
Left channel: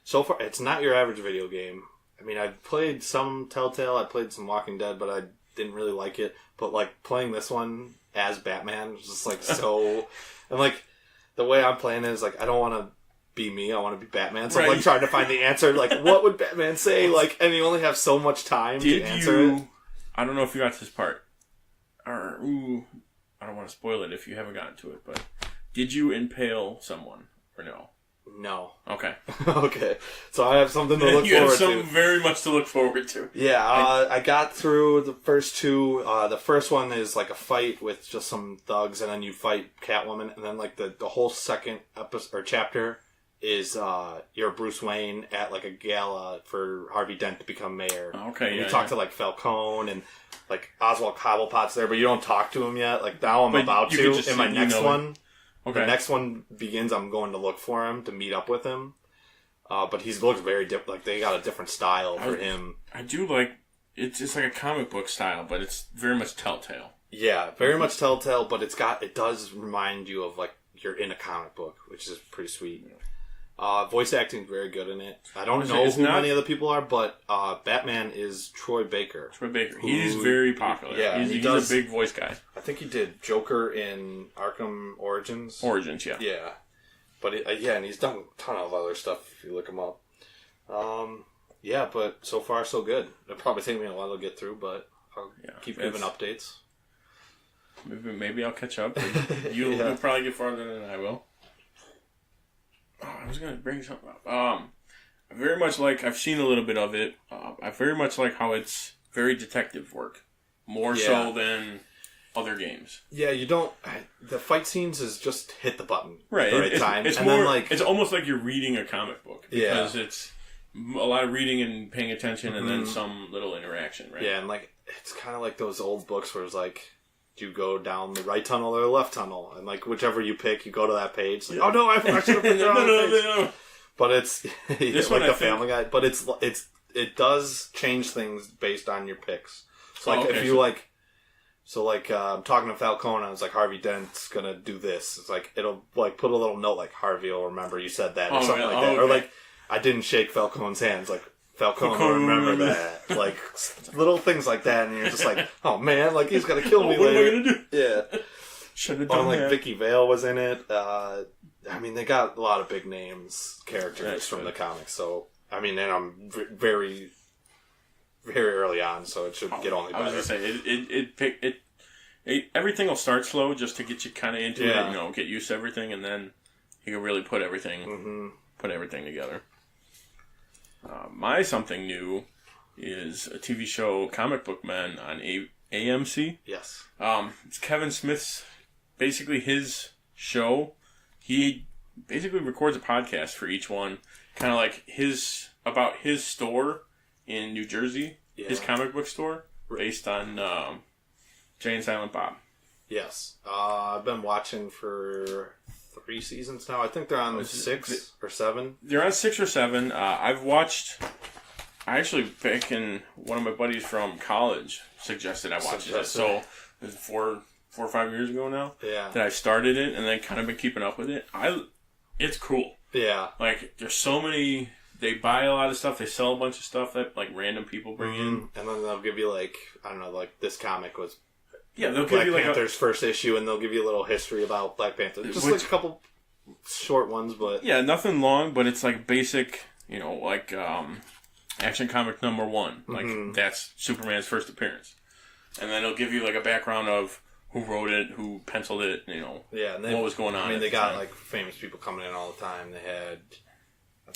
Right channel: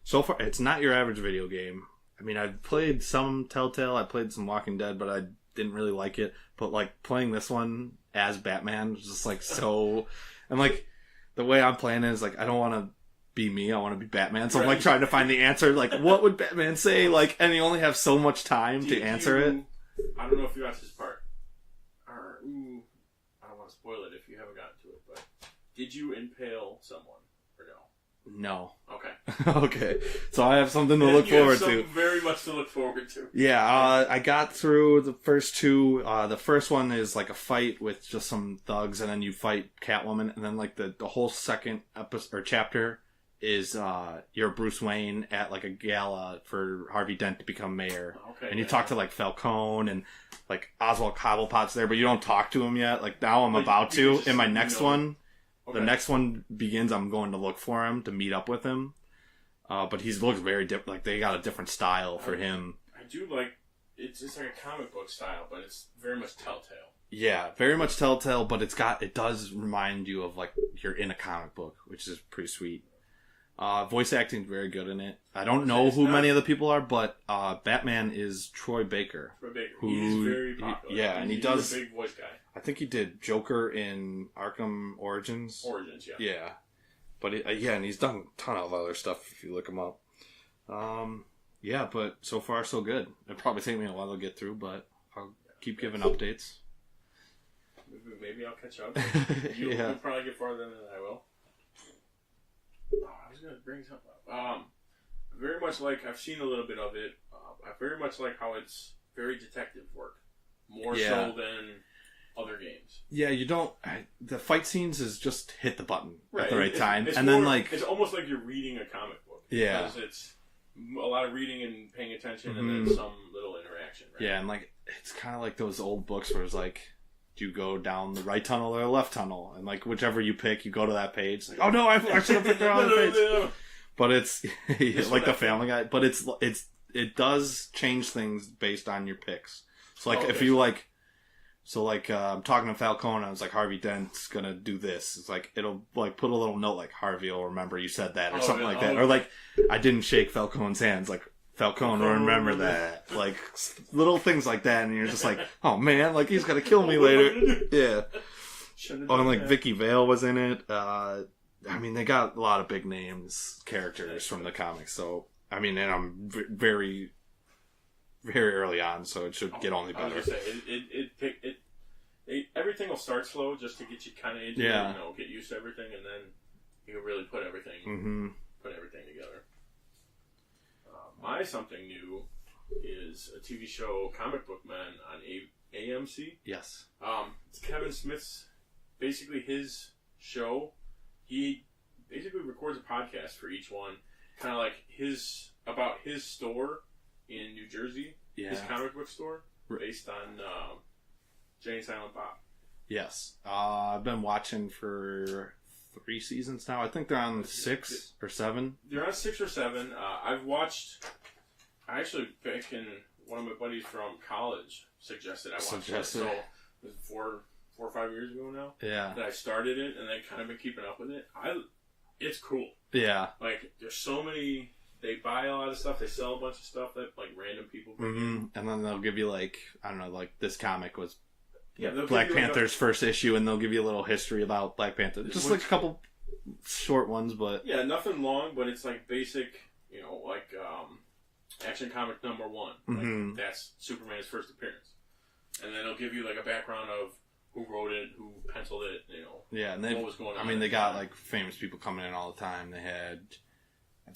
so far, it's not your average video game. I mean, I've played some Telltale, I played some Walking Dead, but I didn't really like it. But, like, playing this one as Batman was just, like, so... And, like, the way I'm playing it is, like, I don't want to be me, I want to be Batman. So I'm, like, trying to find the answer. Like, what would Batman say? Like, and you only have so much time to answer it. I don't know if you got to this part. Or, I don't want to spoil it if you haven't gotten to it, but did you impale someone or no? No. Okay. Okay. So I have something to look forward to. You have something very much to look forward to. Yeah, I got through the first 2. The first one is like a fight with just some thugs, and then you fight Catwoman, and then like the whole second episode or chapter is you're Bruce Wayne at like a gala for Harvey Dent to become mayor. Okay. And you talk to like Falcone and like Oswald Cobblepot's there, but you don't talk to him yet. Like now I'm about to. In my next one. Okay. The next one begins, I'm going to look for him to meet up with him. But he looks very different. Like, they got a different style for him. I do like... It's just like a comic book style, but it's very much Telltale. Yeah, very much Telltale, but it does remind you of, like, you're in a comic book, which is pretty sweet. Voice acting is very good in it. I don't know who many of the people are, but Batman is Troy Baker. Troy Baker. He's very popular. Yeah, he's a big voice guy. I think he did Joker in Arkham Origins. Origins, yeah. Yeah. But, and he's done a ton of other stuff if you look him up. Yeah, but so far so good. It'll probably take me a while to get through, but I'll keep giving updates. Maybe I'll catch up. You'll probably get farther than I will. Oh, I was going to bring something up. I very much like... I've seen a little bit of it. I very much like how it's very detective work. More so than other games. Yeah, you don't... The fight scenes is just hit the button at the right time. It's and more, then, like... It's almost like you're reading a comic book. Because it's... a lot of reading and paying attention, and then some little interaction, right? Yeah, and like it's kind of like those old books where it's like, do you go down the right tunnel or the left tunnel, and like whichever you pick, you go to that page. Like, oh no, I should have been there on the page. No. But it's like the Family Guy. But it does change things based on your picks. So like if you like. So, like, talking to Falcone, I was like, Harvey Dent's gonna do this. It's like, it'll, like, put a little note, like, Harvey will remember you said that, or something like that. Or, like, I didn't shake Falcone's hands, like, Falcone will remember that. Like, little things like that, and you're just like, oh, man, like, he's gonna kill me later. Yeah. Should've done like, that. Vicky Vale was in it. I mean, they got a lot of big names, characters from the comics, so, I mean, and I'm very... very early on, so it should get only better. I was gonna say everything will start slow just to get you kind of into it, get used to everything, and then you can really put everything together. My something new is a TV show, Comic Book Men, on AMC. Yes. It's Kevin Smith's basically his show. He basically records a podcast for each one, kind of like about his store in New Jersey, his comic book store, based on Jay and Silent Bob. Yes. I've been watching for 3 seasons now. I think they're on 6 or 7. They're on 6 or 7. I actually, back in one of my buddies from college suggested I watch it. So, it was 4 or 5 years ago now. Yeah. That I started it and then kind of been keeping up with it. It's cool. Yeah. Like, there's so many... They buy a lot of stuff. They sell a bunch of stuff that like random people bring in, and then they'll give you like I don't know, like this comic was they'll Black give you Panther's first issue, and they'll give you a little history about Black Panther, just like a couple short ones, but nothing long, but it's like basic, like Action Comic number 1, like that's Superman's first appearance, and then it'll give you like a background of who wrote it, who penciled it, and then what was going on. I mean, they got like famous people coming in all the time. They had.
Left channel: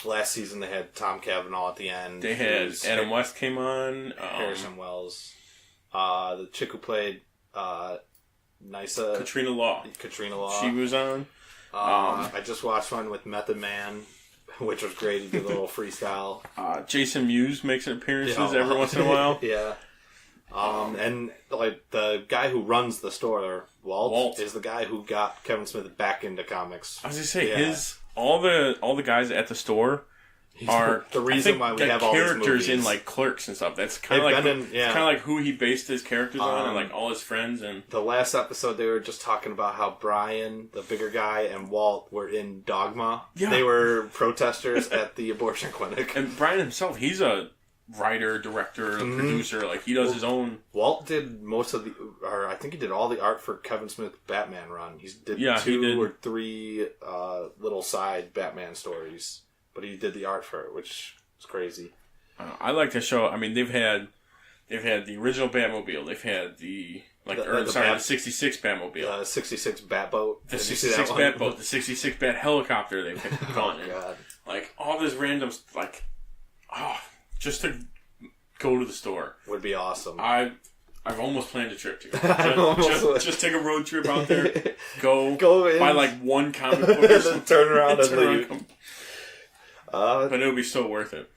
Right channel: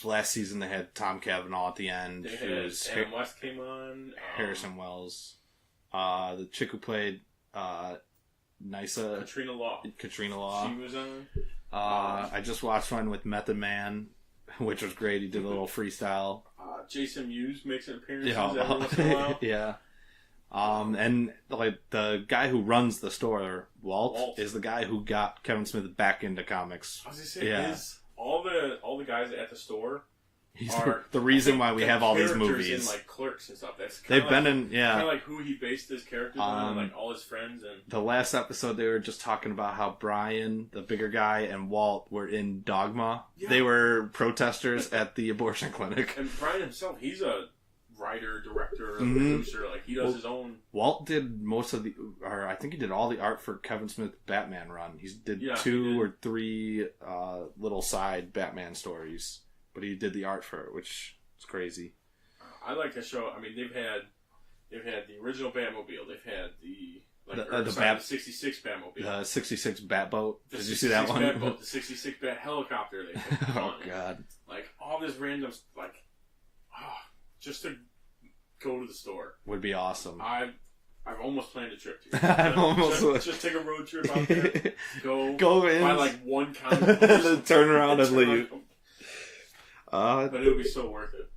Last season they had Tom Cavanaugh at the end. They had Adam West came on. Harrison Wells. The chick who played Nysa. Katrina Law. She was on. I just watched one with Method Man, which was great. He did a little freestyle. Jason Mewes makes appearances every once in a while. Yeah. And like the guy who runs the store, Walt, is the guy who got Kevin Smith back into comics. I was gonna say all the guys at the store are the reason why we have all these movies in like Clerks and stuff. That's kind of like kind of like who he based his characters on, and like all his friends. And the last episode, they were just talking about how Brian, the bigger guy, and Walt were in Dogma. Yeah. They were protesters at the abortion clinic. And Brian himself, he's a writer, director, producer. Like he does his own. Walt did most of or I think he did all the art for Kevin Smith's Batman run. He did 2 or 3 little side Batman stories, but he did the art for it, which is crazy. I like the show. I mean, they've had the original Batmobile. They've had the 66 Batmobile, the 66 Batboat, the 66 Batboat, the 66 Bat helicopter. They've had fun. Oh god! Like all this random just to go to the store would be awesome. I've almost planned a trip to go. Just take a road trip out there. Go in, buy like one comic book, and then turn around and leave. But it would be so worth it.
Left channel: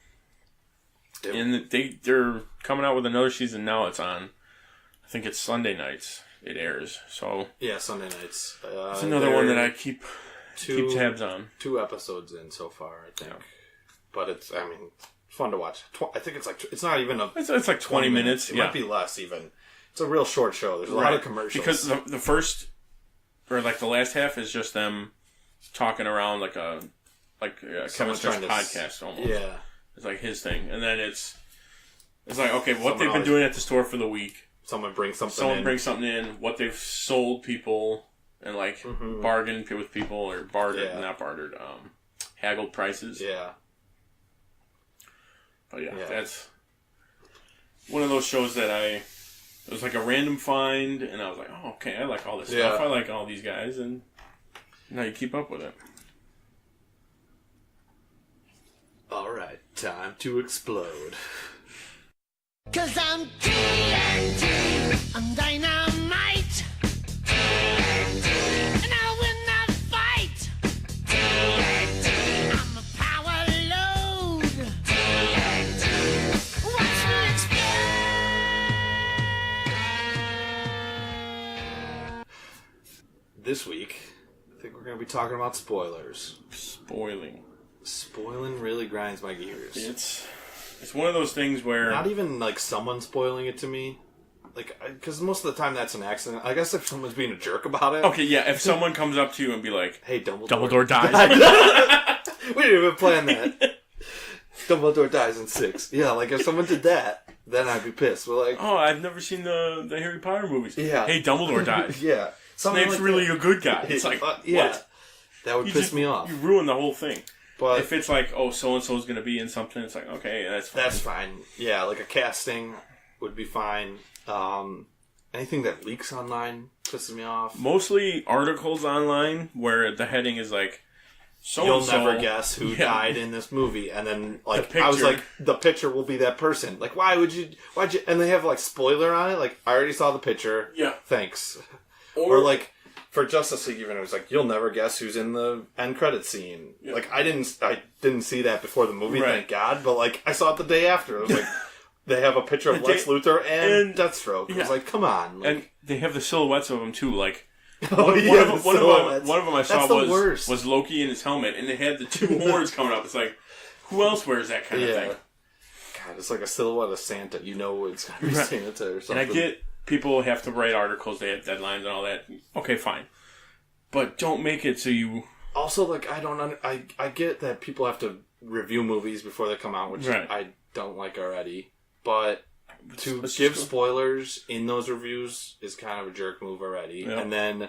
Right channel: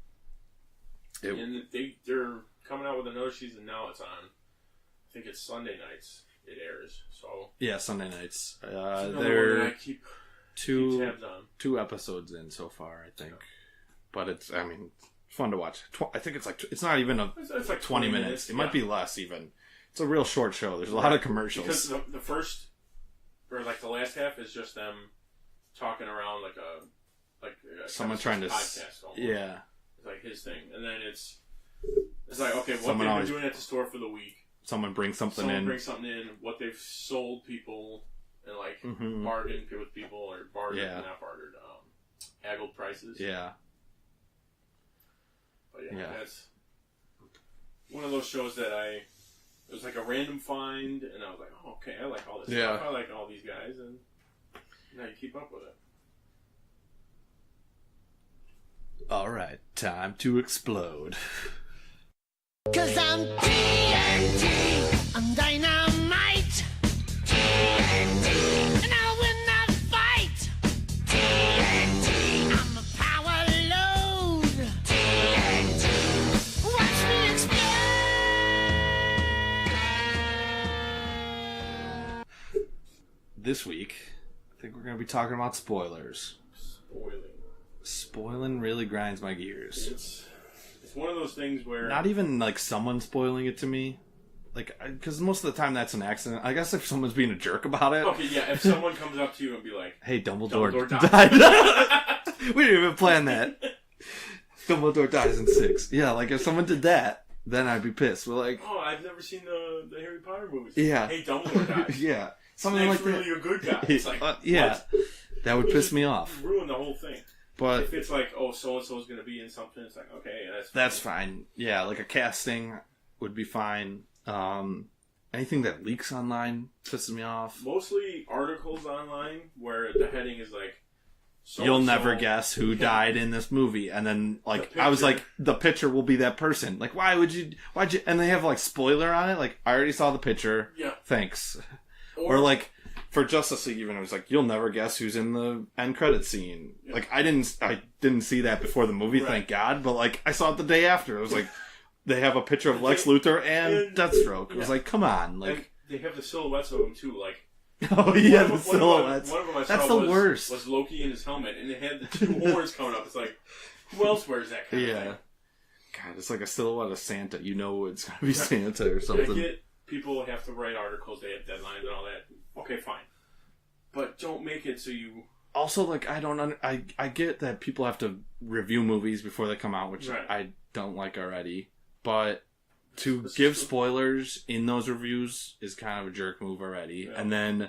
And they're coming out with another season now. It's on. I think it's Sunday nights. It airs. So Sunday nights. It's another one that I keep tabs on. 2 episodes in so far, I think. But it's fun to watch. I think it's not even it's like 20 minutes. It might be less even. It's a real short show. There's a lot of commercials. Because the first or like the last half is just them talking around like a Kevin Smith's podcast almost. Yeah. It's like his thing. And then it's like, okay, what they've been doing at the store for the week. Someone brings something in. What they've sold people and like bargained with people or bartered, not bartered, haggled prices. Yeah. But that's one of those shows that it was like a random find, and I was like, oh, okay, I like all this stuff. I like all these guys, and now you keep up with it. All right, time to explode. 'Cause I'm TNT, I'm dynamite. TNT, and I'll win the fight. TNT, I'm a power load. TNT. talking about spoilers. Spoiling really grinds my gears. It's one of those things where... Not even, like, someone spoiling it to me. Like, because most of the time that's an accident. I guess if someone's being a jerk about it. Okay, yeah, if someone comes up to you and be like... Hey, Dumbledore died. We didn't even plan that. Dumbledore dies in 6. Yeah, like, if someone did that, then I'd be pissed. We're like... Oh, I've never seen the Harry Potter movies. Yeah. Hey, Dumbledore dies. Yeah. Snape's like really a good guy. It's like, yeah. what? That would piss me off. You ruin the whole thing. But if it's like, oh, so-and-so's going to be in something, it's like, okay, that's fine. That's fine. Yeah, like a casting would be fine. Anything that leaks online pisses me off. Mostly articles online where the heading is like, you'll never guess who died in this movie. And then, like, I was like, the picture will be that person. Like, why'd you, and they have, like, spoiler on it. Like, I already saw the picture. Yeah. Thanks. Or like, for Justice League, even, it was like, you'll never guess who's in the end credit scene. Yeah. Like, I didn't see that before the movie, right. Thank God. But, like, I saw it the day after. It was like, they have a picture of Lex Luthor and Deathstroke. It was like, come on. Like, and they have the silhouettes of them, too. Like, one of them I saw was Loki in his helmet, and they had the 2 horns coming up. It's like, who else wears that kind of thing? God, it's like a silhouette of Santa. You know it's going to be Santa or something. And I get people have to write articles, they have deadlines and all that. Okay, fine. But don't make it so you... Also, like, I get that people have to review movies before they come out, which I don't like already. But to give spoilers in those reviews is kind of a jerk move already. Yeah. And then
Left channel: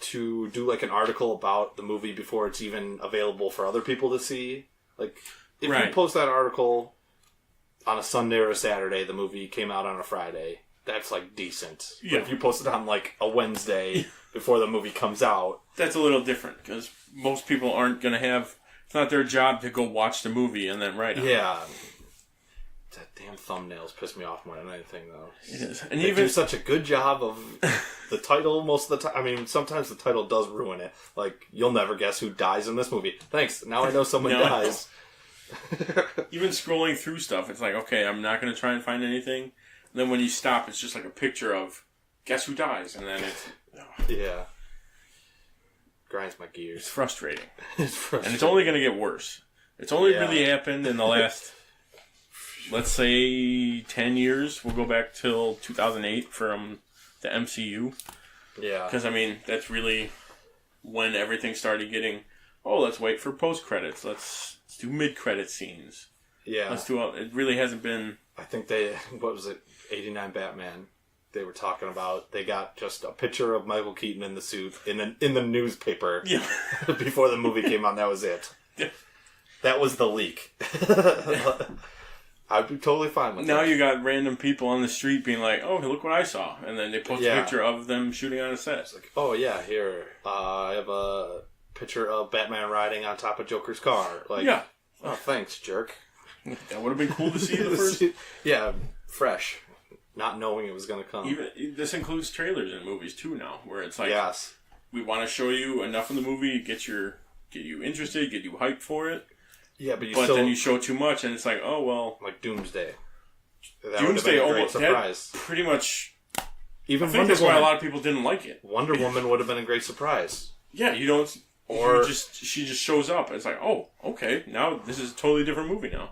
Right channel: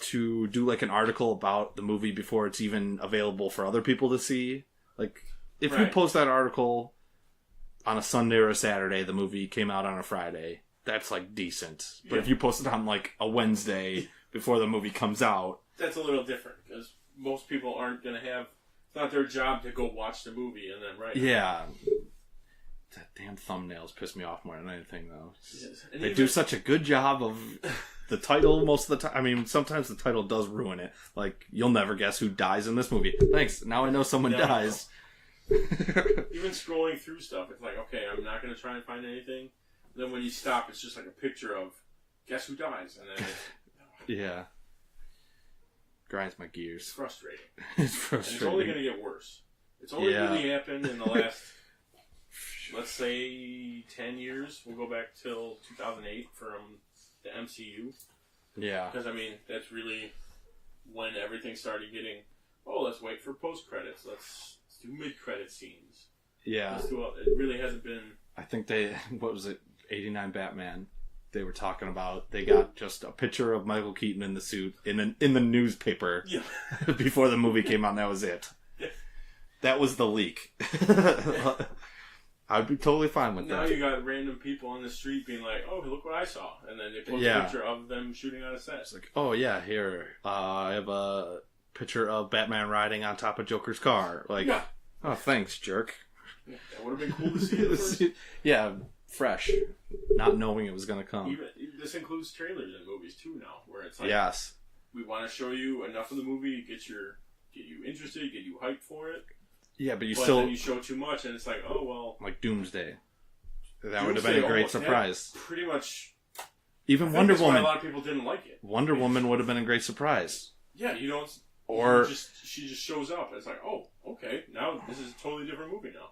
to do, like, an article about the movie before it's even available for other people to see. Like, if you post that article on a Sunday or a Saturday, the movie came out on a Friday, that's, like, decent. Yeah. But if you post it on, like, a Wednesday before the movie comes out... That's a little different, because most people aren't going to have... It's not their job to go watch the movie and then write it. Yeah. That damn thumbnails piss me off more than anything, though. It is. And they do such a good job of the title most of the time. I mean, sometimes the title does ruin it. Like, you'll never guess who dies in this movie. Thanks. Now I know someone dies. Even scrolling through stuff, it's like, okay, I'm not going to try and find anything. And then when you stop, it's just like a picture of, guess who dies? And then it's... Yeah. Grinds my gears. It's frustrating. It's frustrating. And it's only going to get worse. It's only really happened in the last... Let's say 10 years. We'll go back till 2008 from the MCU. Yeah. Because, I mean, that's really when everything started getting, let's wait for post-credits. Let's do mid-credit scenes. Yeah. It really hasn't been... I think what was it, 89 Batman, they were talking about, they got just a picture of Michael Keaton in the suit in the newspaper before the movie came out, and that was it. Yeah. That was the leak. I'd be totally fine with that. Now you got random people on the street being like, oh, look what I saw. And then they post a picture of them shooting on a set. It's like, oh, yeah, here. I have a picture of Batman riding on top of Joker's car. Like, oh, thanks, jerk. That would have been cool to see the first. Yeah, fresh. Not knowing it was going to come. This includes trailers in movies, too, now. Where it's like, we want to show you enough of the movie, get you interested, get you hyped for it. Yeah, but then you show too much, and it's like, oh, well... Like Doomsday. That would have been a great surprise. Pretty much... Even I think that's why a lot of people didn't like it. Wonder Woman would have been a great surprise. Yeah, you don't... Or... She just shows up, and it's like, oh, okay, now this is a totally different movie now.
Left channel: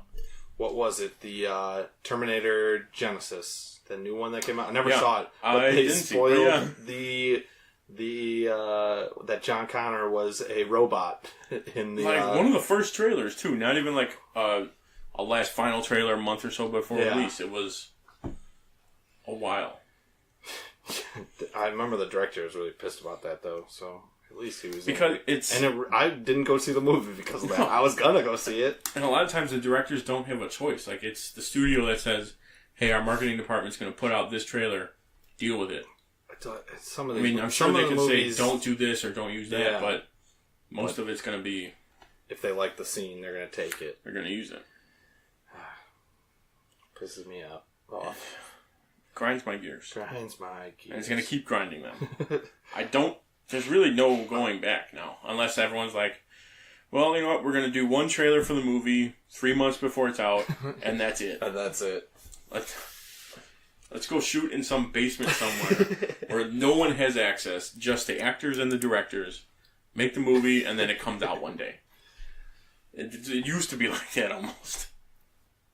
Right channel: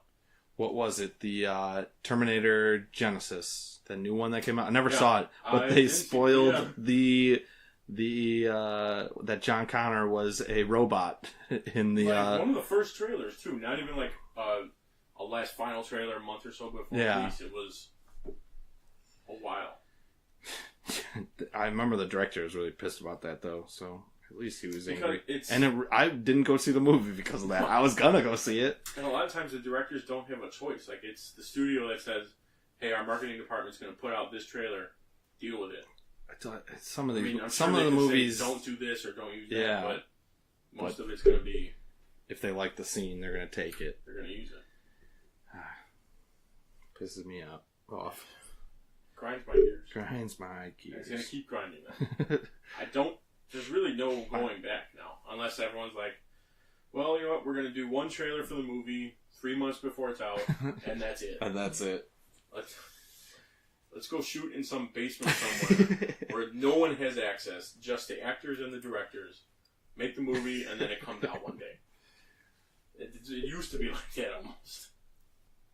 What was it? The Terminator Genesis. The new one that came out? I never saw it. But they spoiled that John Connor was a robot in the one of the first trailers too. Not even like a last final trailer a month or so before release. It was a while. I remember the director was really pissed about that though. So at least he was because angry. I didn't go see the movie because of that. I was gonna go see it. And a lot of times the directors don't have a choice. Like it's the studio that says, "Hey, our marketing department's going to put out this trailer. Deal with it." Some of the, I'm sure they could say don't do this or don't use that, but most of it's going to be if they like the scene, they're going to take it. They're going to use it. Pisses me off. Grinds my gears. And it's going to keep grinding them. There's really no going back now, unless everyone's like, well, you know what? We're going to do one trailer for the movie 3 months before it's out, and that's it. And that's it. Let's go shoot in some basement somewhere where no one has access, just the actors and the directors. make the movie, and then it comes out one day. It used to be like that almost.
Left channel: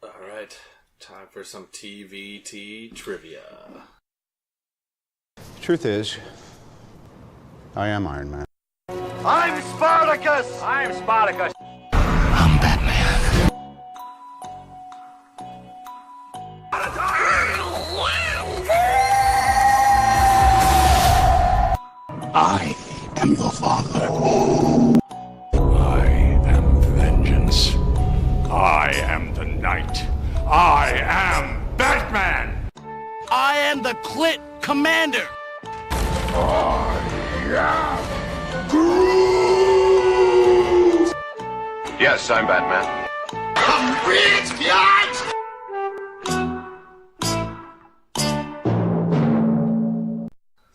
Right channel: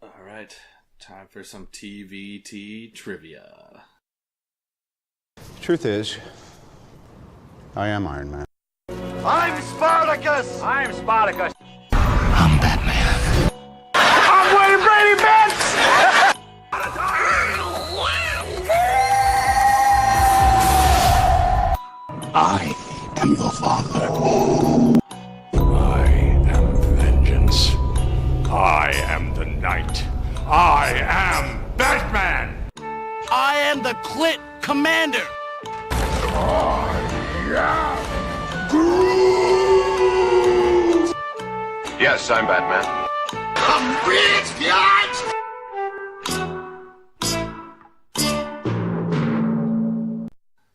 All right, time for some TVT trivia. Truth is, I am Iron Man. I'm Spartacus! I'm Spartacus. I'm Batman. I'm Wayne Brady Betts! I am the Father. I am vengeance. I am the Knight. I am Batman! I am the Clit Commander. I am Groot! Yes, I'm Batman. I'm rich, biatch!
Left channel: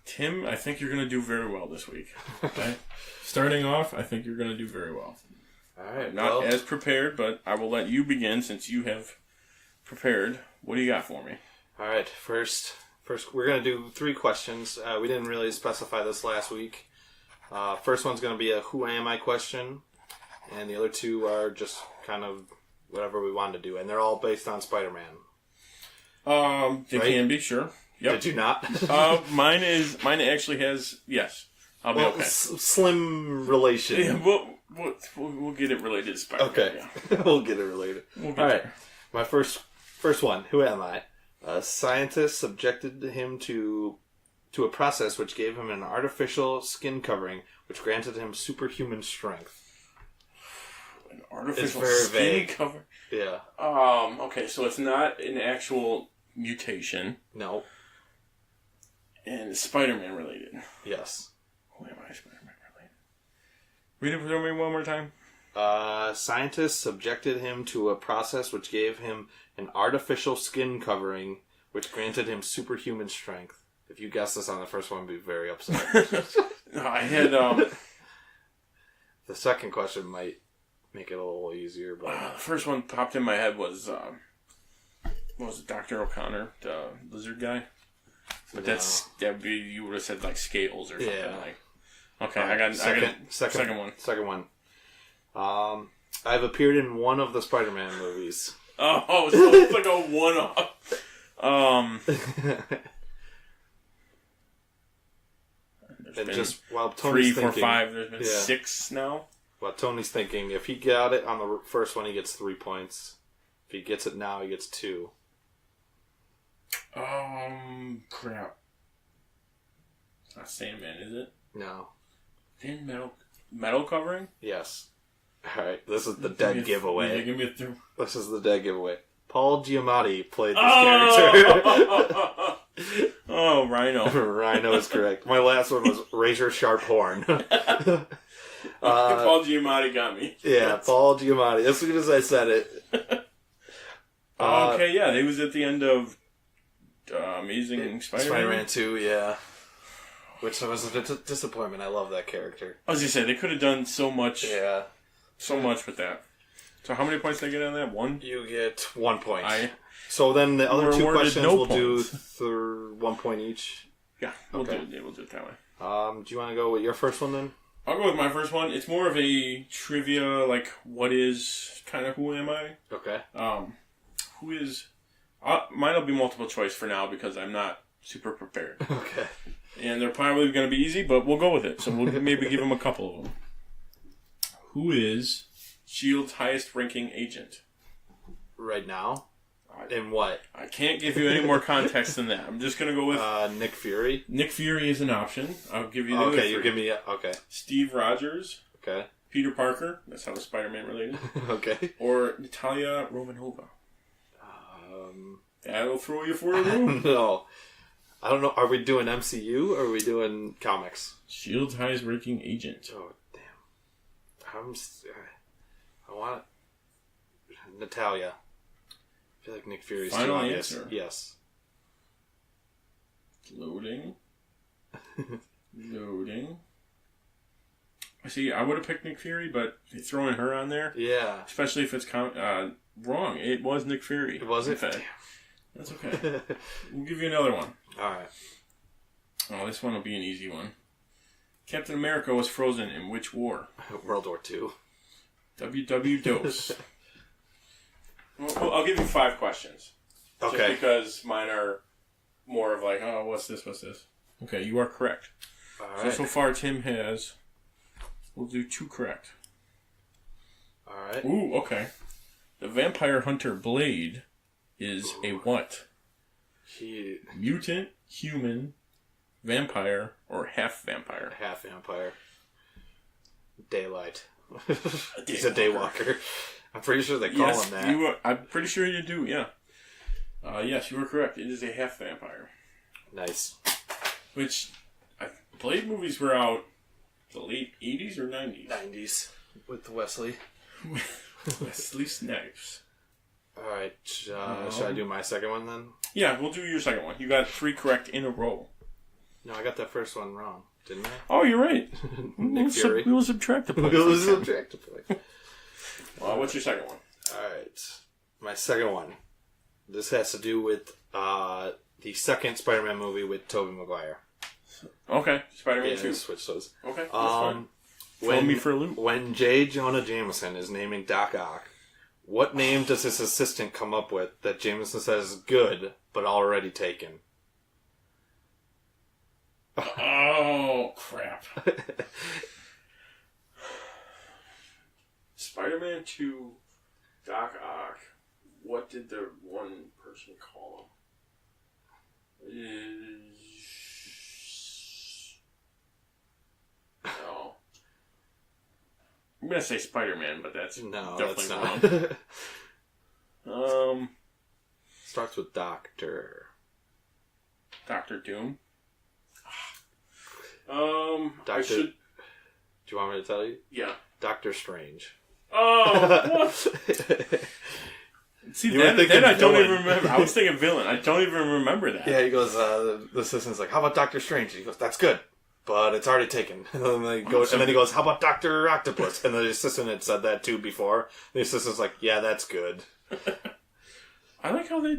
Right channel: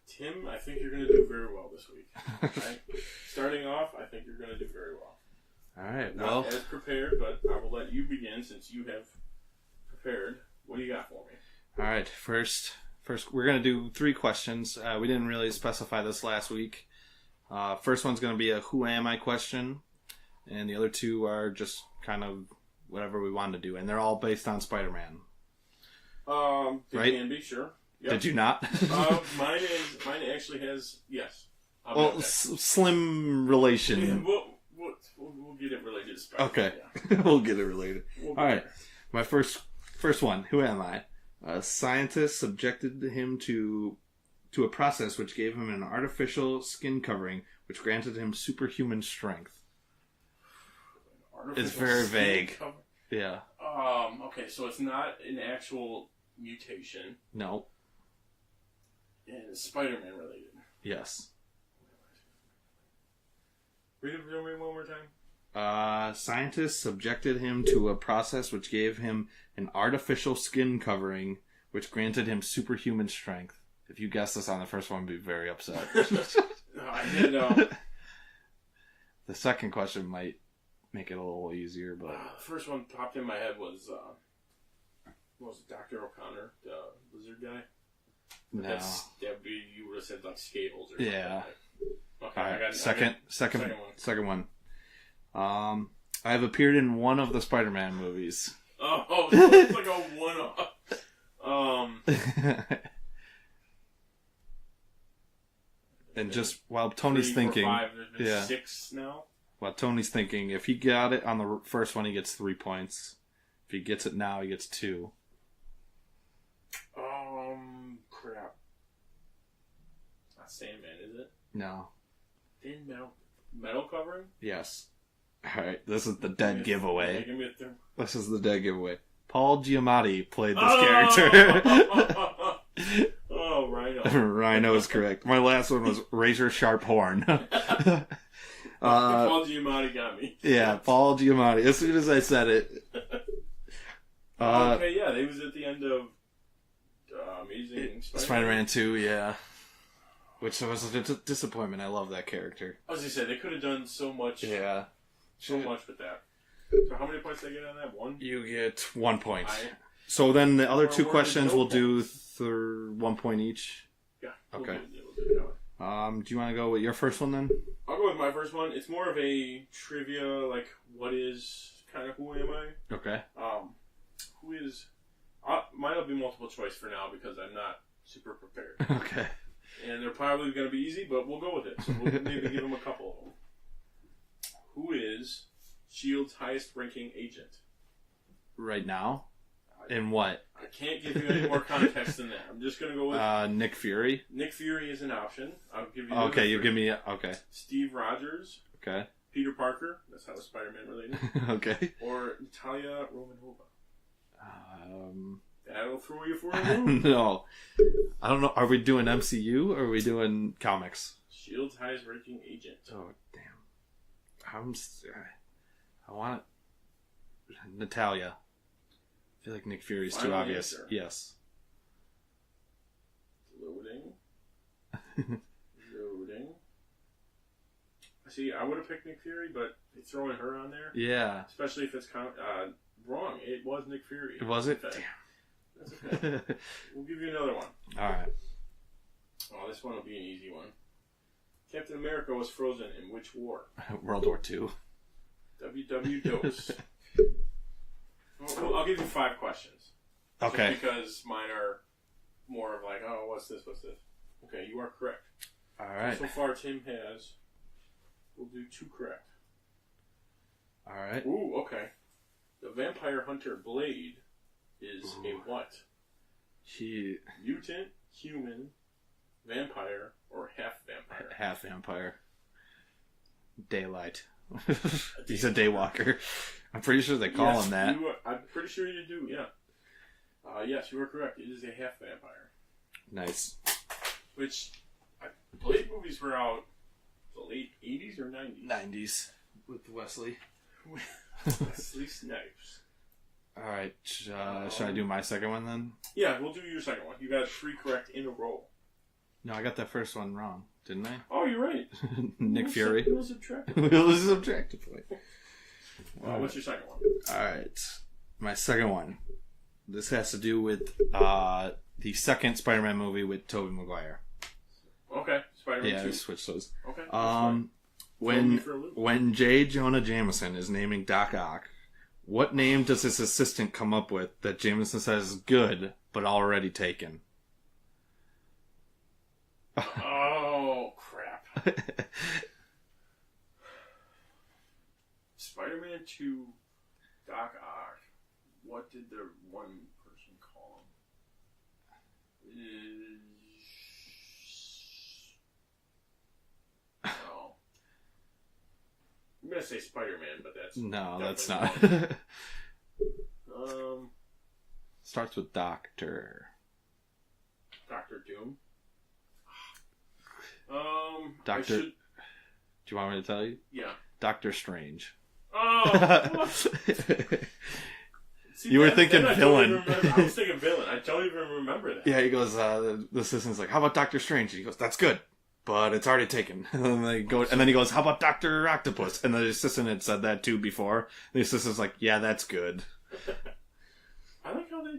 Tim, I think you're going to do very well this week. Okay? Starting off, I think you're going to do very well. All right. Not as prepared, but I will let you begin since you have prepared. What do you got for me? All right. First, we're going to do 3 questions. We didn't really specify this last week. First one's going to be a who am I question, and the other 2 are just kind of whatever we wanted to do, and they're all based on Spider-Man. They Right? can be, sure. Yep. Did you not? Mine actually has, yes. I'll be okay. Slim relation. Yeah, we'll get it related to Spider-Man. Okay. Yeah. We'll get it related. We'll get All right. there. My first one. Who am I? A scientist subjected him to a process which gave him an artificial skin covering, which granted him superhuman strength. An artificial It's very skin vague. cover? Yeah. Okay, so it's not an actual mutation. No. And it's Spider-Man related. Yes. Who am I Spider-Man related? Read it for me one more time. Scientists subjected him to a process which gave him an artificial skin covering, which granted him superhuman strength. If you guessed this on the first one, I'd be very upset. I had The second question might make it a little easier, but the first one popped in my head was what was it, Dr. O'Connor, the lizard guy? But No. that'd be, you would have said like scales or something. Yeah. Like, okay, Right, I got second one. Second one. I've appeared in one of the Spider-Man movies. Oh, so it's like a one-off. And just while Tony's 3, 4, thinking, 5. There's been 6 now. While Tony's thinking, if he got it on the first one, he gets 3 points. If he gets it now, he gets 2. Crap. It's not Sandman, is it? No. Thin metal covering? Yes. All right. This is the dead giveaway. Give me a 3. This is the dead giveaway. Paul Giamatti played this character. Oh, Rhino. Rhino is correct. My last one was Razor Sharp Horn. Paul Giamatti got me. Yeah, Paul Giamatti. As soon as I said it. Okay, yeah. He was at the end of Amazing Spider-Man. Spider-Man 2, yeah. Which was a disappointment. I love that character. I was going to say, they could have done so much. Yeah. So much with that. So how many points did I get on that? 1? You get 1 point. So then the other 2 questions we'll do 1 point each. Yeah, we'll do it that way. Do you want to go with your first one then? I'll go with my first one. It's more of a trivia, like what is kind of who am I? Okay. Who is? Mine will be multiple choice for now because I'm not super prepared. Okay. And they're probably going to be easy, but we'll go with it. So we'll maybe give them a couple of them. Who is S.H.I.E.L.D.'s highest-ranking agent? Right now? In what? I can't give you any more context than that. I'm just going to go with... Nick Fury? Nick Fury is an option. I'll give you the other Okay, you three. give me... Okay. Steve Rogers. Okay. Peter Parker. That's how the Spider-Man related. Okay. Or Natalia Romanova. That'll throw you for a loop. No. I don't know. Are we doing MCU or are we doing comics? S.H.I.E.L.D.'s highest-ranking agent. Oh, damn. I want it. Natalia. I feel like Nick Fury's too Final obvious. answer. Yes. Loading. Loading. See, I would have picked Nick Fury, but throwing her on there, yeah, especially if it's wrong. It was Nick Fury. Was it? Damn. That's okay. We'll give you another one. All right. Oh, this one will be an easy one. Captain America was frozen in which war? World War II. WW Dose. Well, I'll give you 5 questions. Okay. Just because mine are more of like, oh, what's this? Okay, you are correct. All right. So far, Tim has... We'll do 2 correct. All right. Ooh, okay. The vampire hunter Blade is a what? Mutant, human, vampire, or half vampire? Half vampire. Daylight. He's a daywalker. I'm pretty sure they call him that. I'm pretty sure you do, yeah. Yes, you are correct. It is a half vampire. Nice. Which, Blade movies were out the late 80s or 90s? 90s. With Wesley. Wesley Snipes. Alright, should I do my second one then? Yeah, we'll do your second one. You got 3 correct in a row. No, I got that first one wrong, didn't I? Oh, you're right. Nick Fury. We'll subtract a point. What's your second one? Alright. My second one. This has to do with the second Spider-Man movie with Tobey Maguire. Okay, Spider-Man 2. Switch those. Okay, that's fine. When, me for a loop. When J. Jonah Jameson is naming Doc Ock, what name does his assistant come up with that Jameson says is good, but already taken? Oh, crap. Spider-Man 2, Doc Ock. What did the one person call him? No. I'm going to say Spider-Man, but that's definitely wrong. Starts with Doctor. Doctor Doom? Doctor... Do you want me to tell you? Yeah. Doctor Strange. Oh, what? See, you were thinking I villain. don't even remember. I was thinking villain. I don't even remember that. Yeah, he goes, the assistant's like, how about Doctor Strange? He goes, that's good, but it's already taken. And then he goes, how about Doctor Octopus? And the assistant had said that too before. The assistant's like, yeah, that's good. I like how they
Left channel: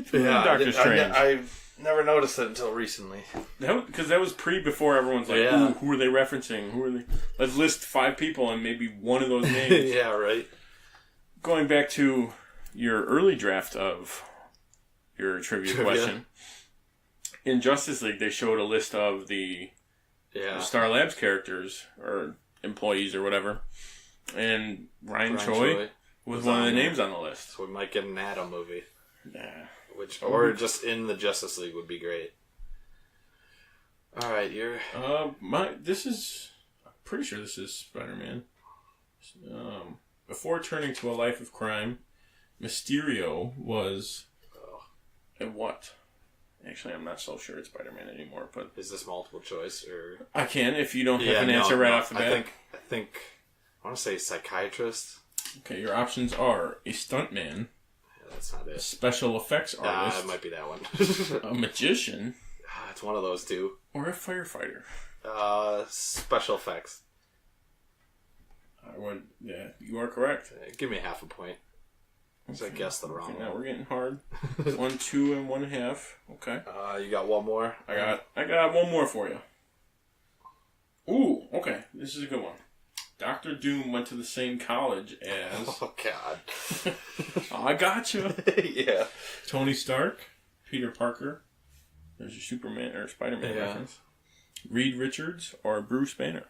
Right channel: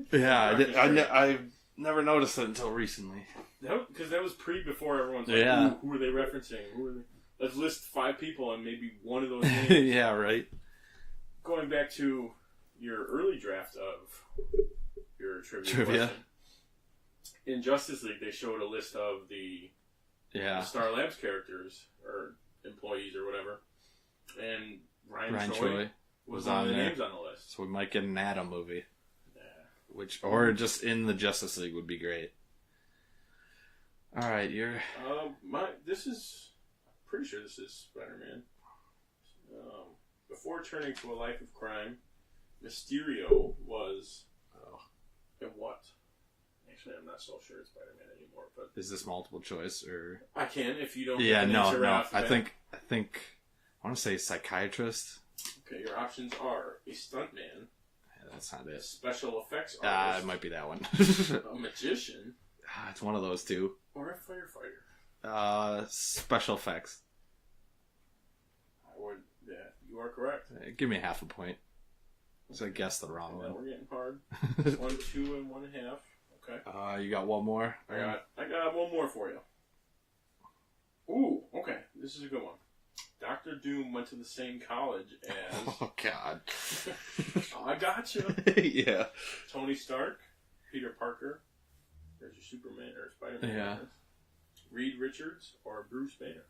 threw in Doctor Strange. I've never noticed it until recently. Because that was before everyone's like, ooh, who are they referencing? Who are they? Let's list 5 people and maybe one of those names. Yeah, right. Going back to your early draft of your trivia question. In Justice League, they showed a list of the Star Labs characters, or employees, or whatever. And Ryan Choi was one of the names on the list. So we might get an Atom movie. Nah. Or just in the Justice League would be great. Alright, you're... I'm pretty sure this is Spider-Man. Before turning to a life of crime, Mysterio was a what? Actually, I'm not so sure it's Spider-Man anymore. But is this multiple choice or? I can if you don't have an answer right off the bat. I think I want to say psychiatrist. Okay, your options are a stuntman. Yeah, that's not it. Special effects artist. It might be that one. A magician. It's one of those two. Or a firefighter. Special effects. You are correct. Give me half a point. Because I guessed the wrong one. Now we're getting hard. 1, 2, and 1.5. Okay. You got one more? I got one more for you. Ooh, okay. This is a good one. Dr. Doom went to the same college as... Oh, God. I gotcha. Yeah. Tony Stark, Peter Parker. There's your Superman or Spider-Man reference. Reed Richards or Bruce Banner.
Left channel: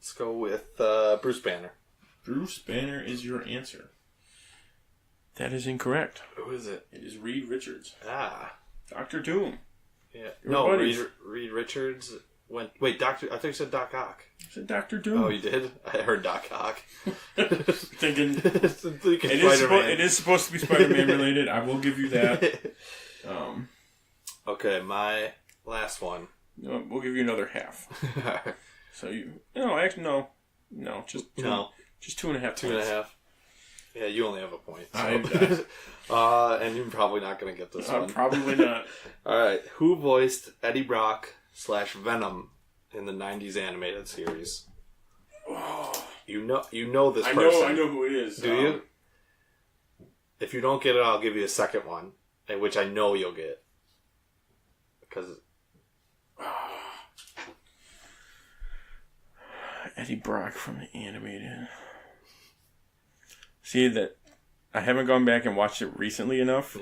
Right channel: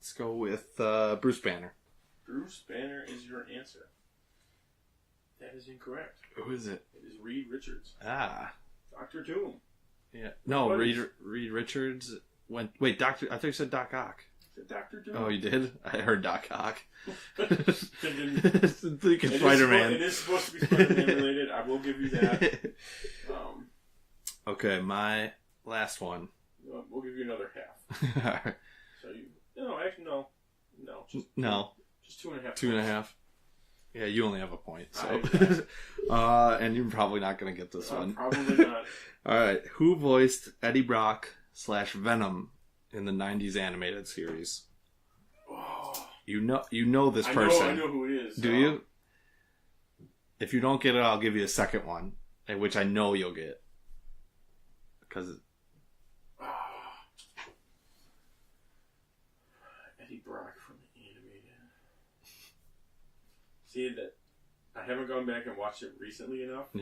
Let's go with Bruce Banner. Bruce Banner is your answer. That is incorrect. Who is it? It is Reed Richards. Ah. Dr. Doom. Yeah. No, Reed Richards went... Wait, Doctor... I thought you said Doc Ock. I said Dr. Doom. Oh, you did? I heard Doc Ock. Thinking Spider-Man. It is supposed to be Spider-Man related. I will give you that. Okay, my last one. We'll give you another half. So just 2.5 points. 2.5. Yeah, you only have a point. So. And you're probably not going to get this one. Probably not. All right, who voiced Eddie Brock / Venom in the '90s animated series? Oh. You know this person. I know who it is. Do you? If you don't get it, I'll give you a second one, which I know you'll get. because Eddie Brock from the animated. See that I haven't gone back and watched it recently enough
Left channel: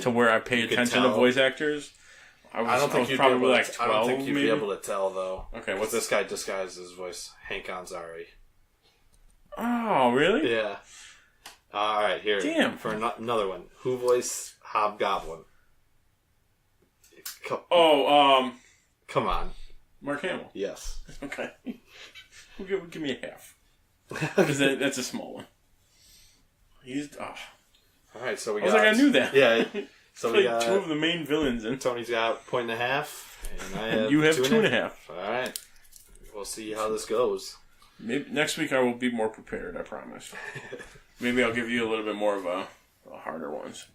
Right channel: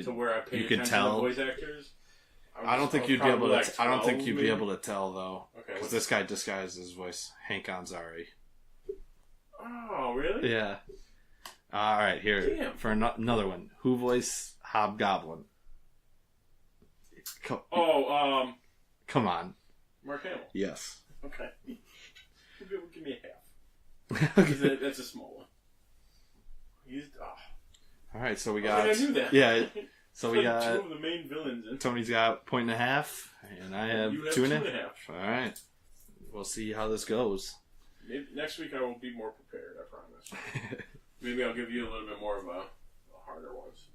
to where I pay attention to voice actors. I don't think you'd be able to. I don't think you'd be able to tell though. Okay, what's this guy disguised his voice? Hank Ansari. Oh, really? Yeah. All right, here. Damn. For another one. Who voiced Hobgoblin? Come on. Mark Hamill. Yes. Okay. Give me a half. Because that's a small one. All right, so we got. I knew that. Yeah. So we got 2 of the main villains. And Tony's got 1.5, and I have you have 2.5. All right. We'll see how this goes. Maybe next week I will be more prepared. I promise. Maybe I'll give you a little bit more of a harder ones.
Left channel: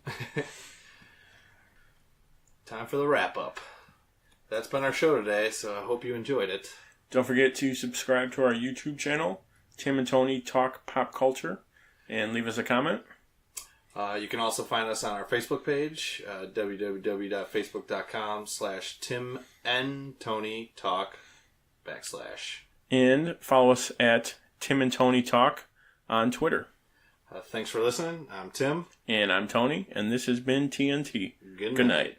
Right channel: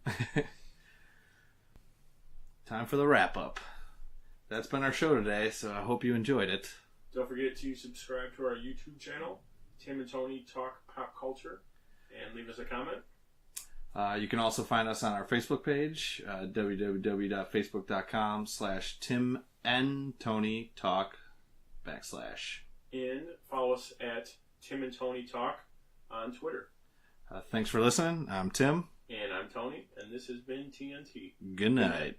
Time for the wrap up. That's been our show today, so I hope you enjoyed it. Don't forget to subscribe to our YouTube channel, Tim and Tony Talk Pop Culture, and leave us a comment. You can also find us on our Facebook page, www.facebook.com/TimandTonyTalk /. And follow us at Tim and Tony Talk on Twitter. Thanks for listening. I'm Tim. And I'm Tony, and this has been TNT. Good night.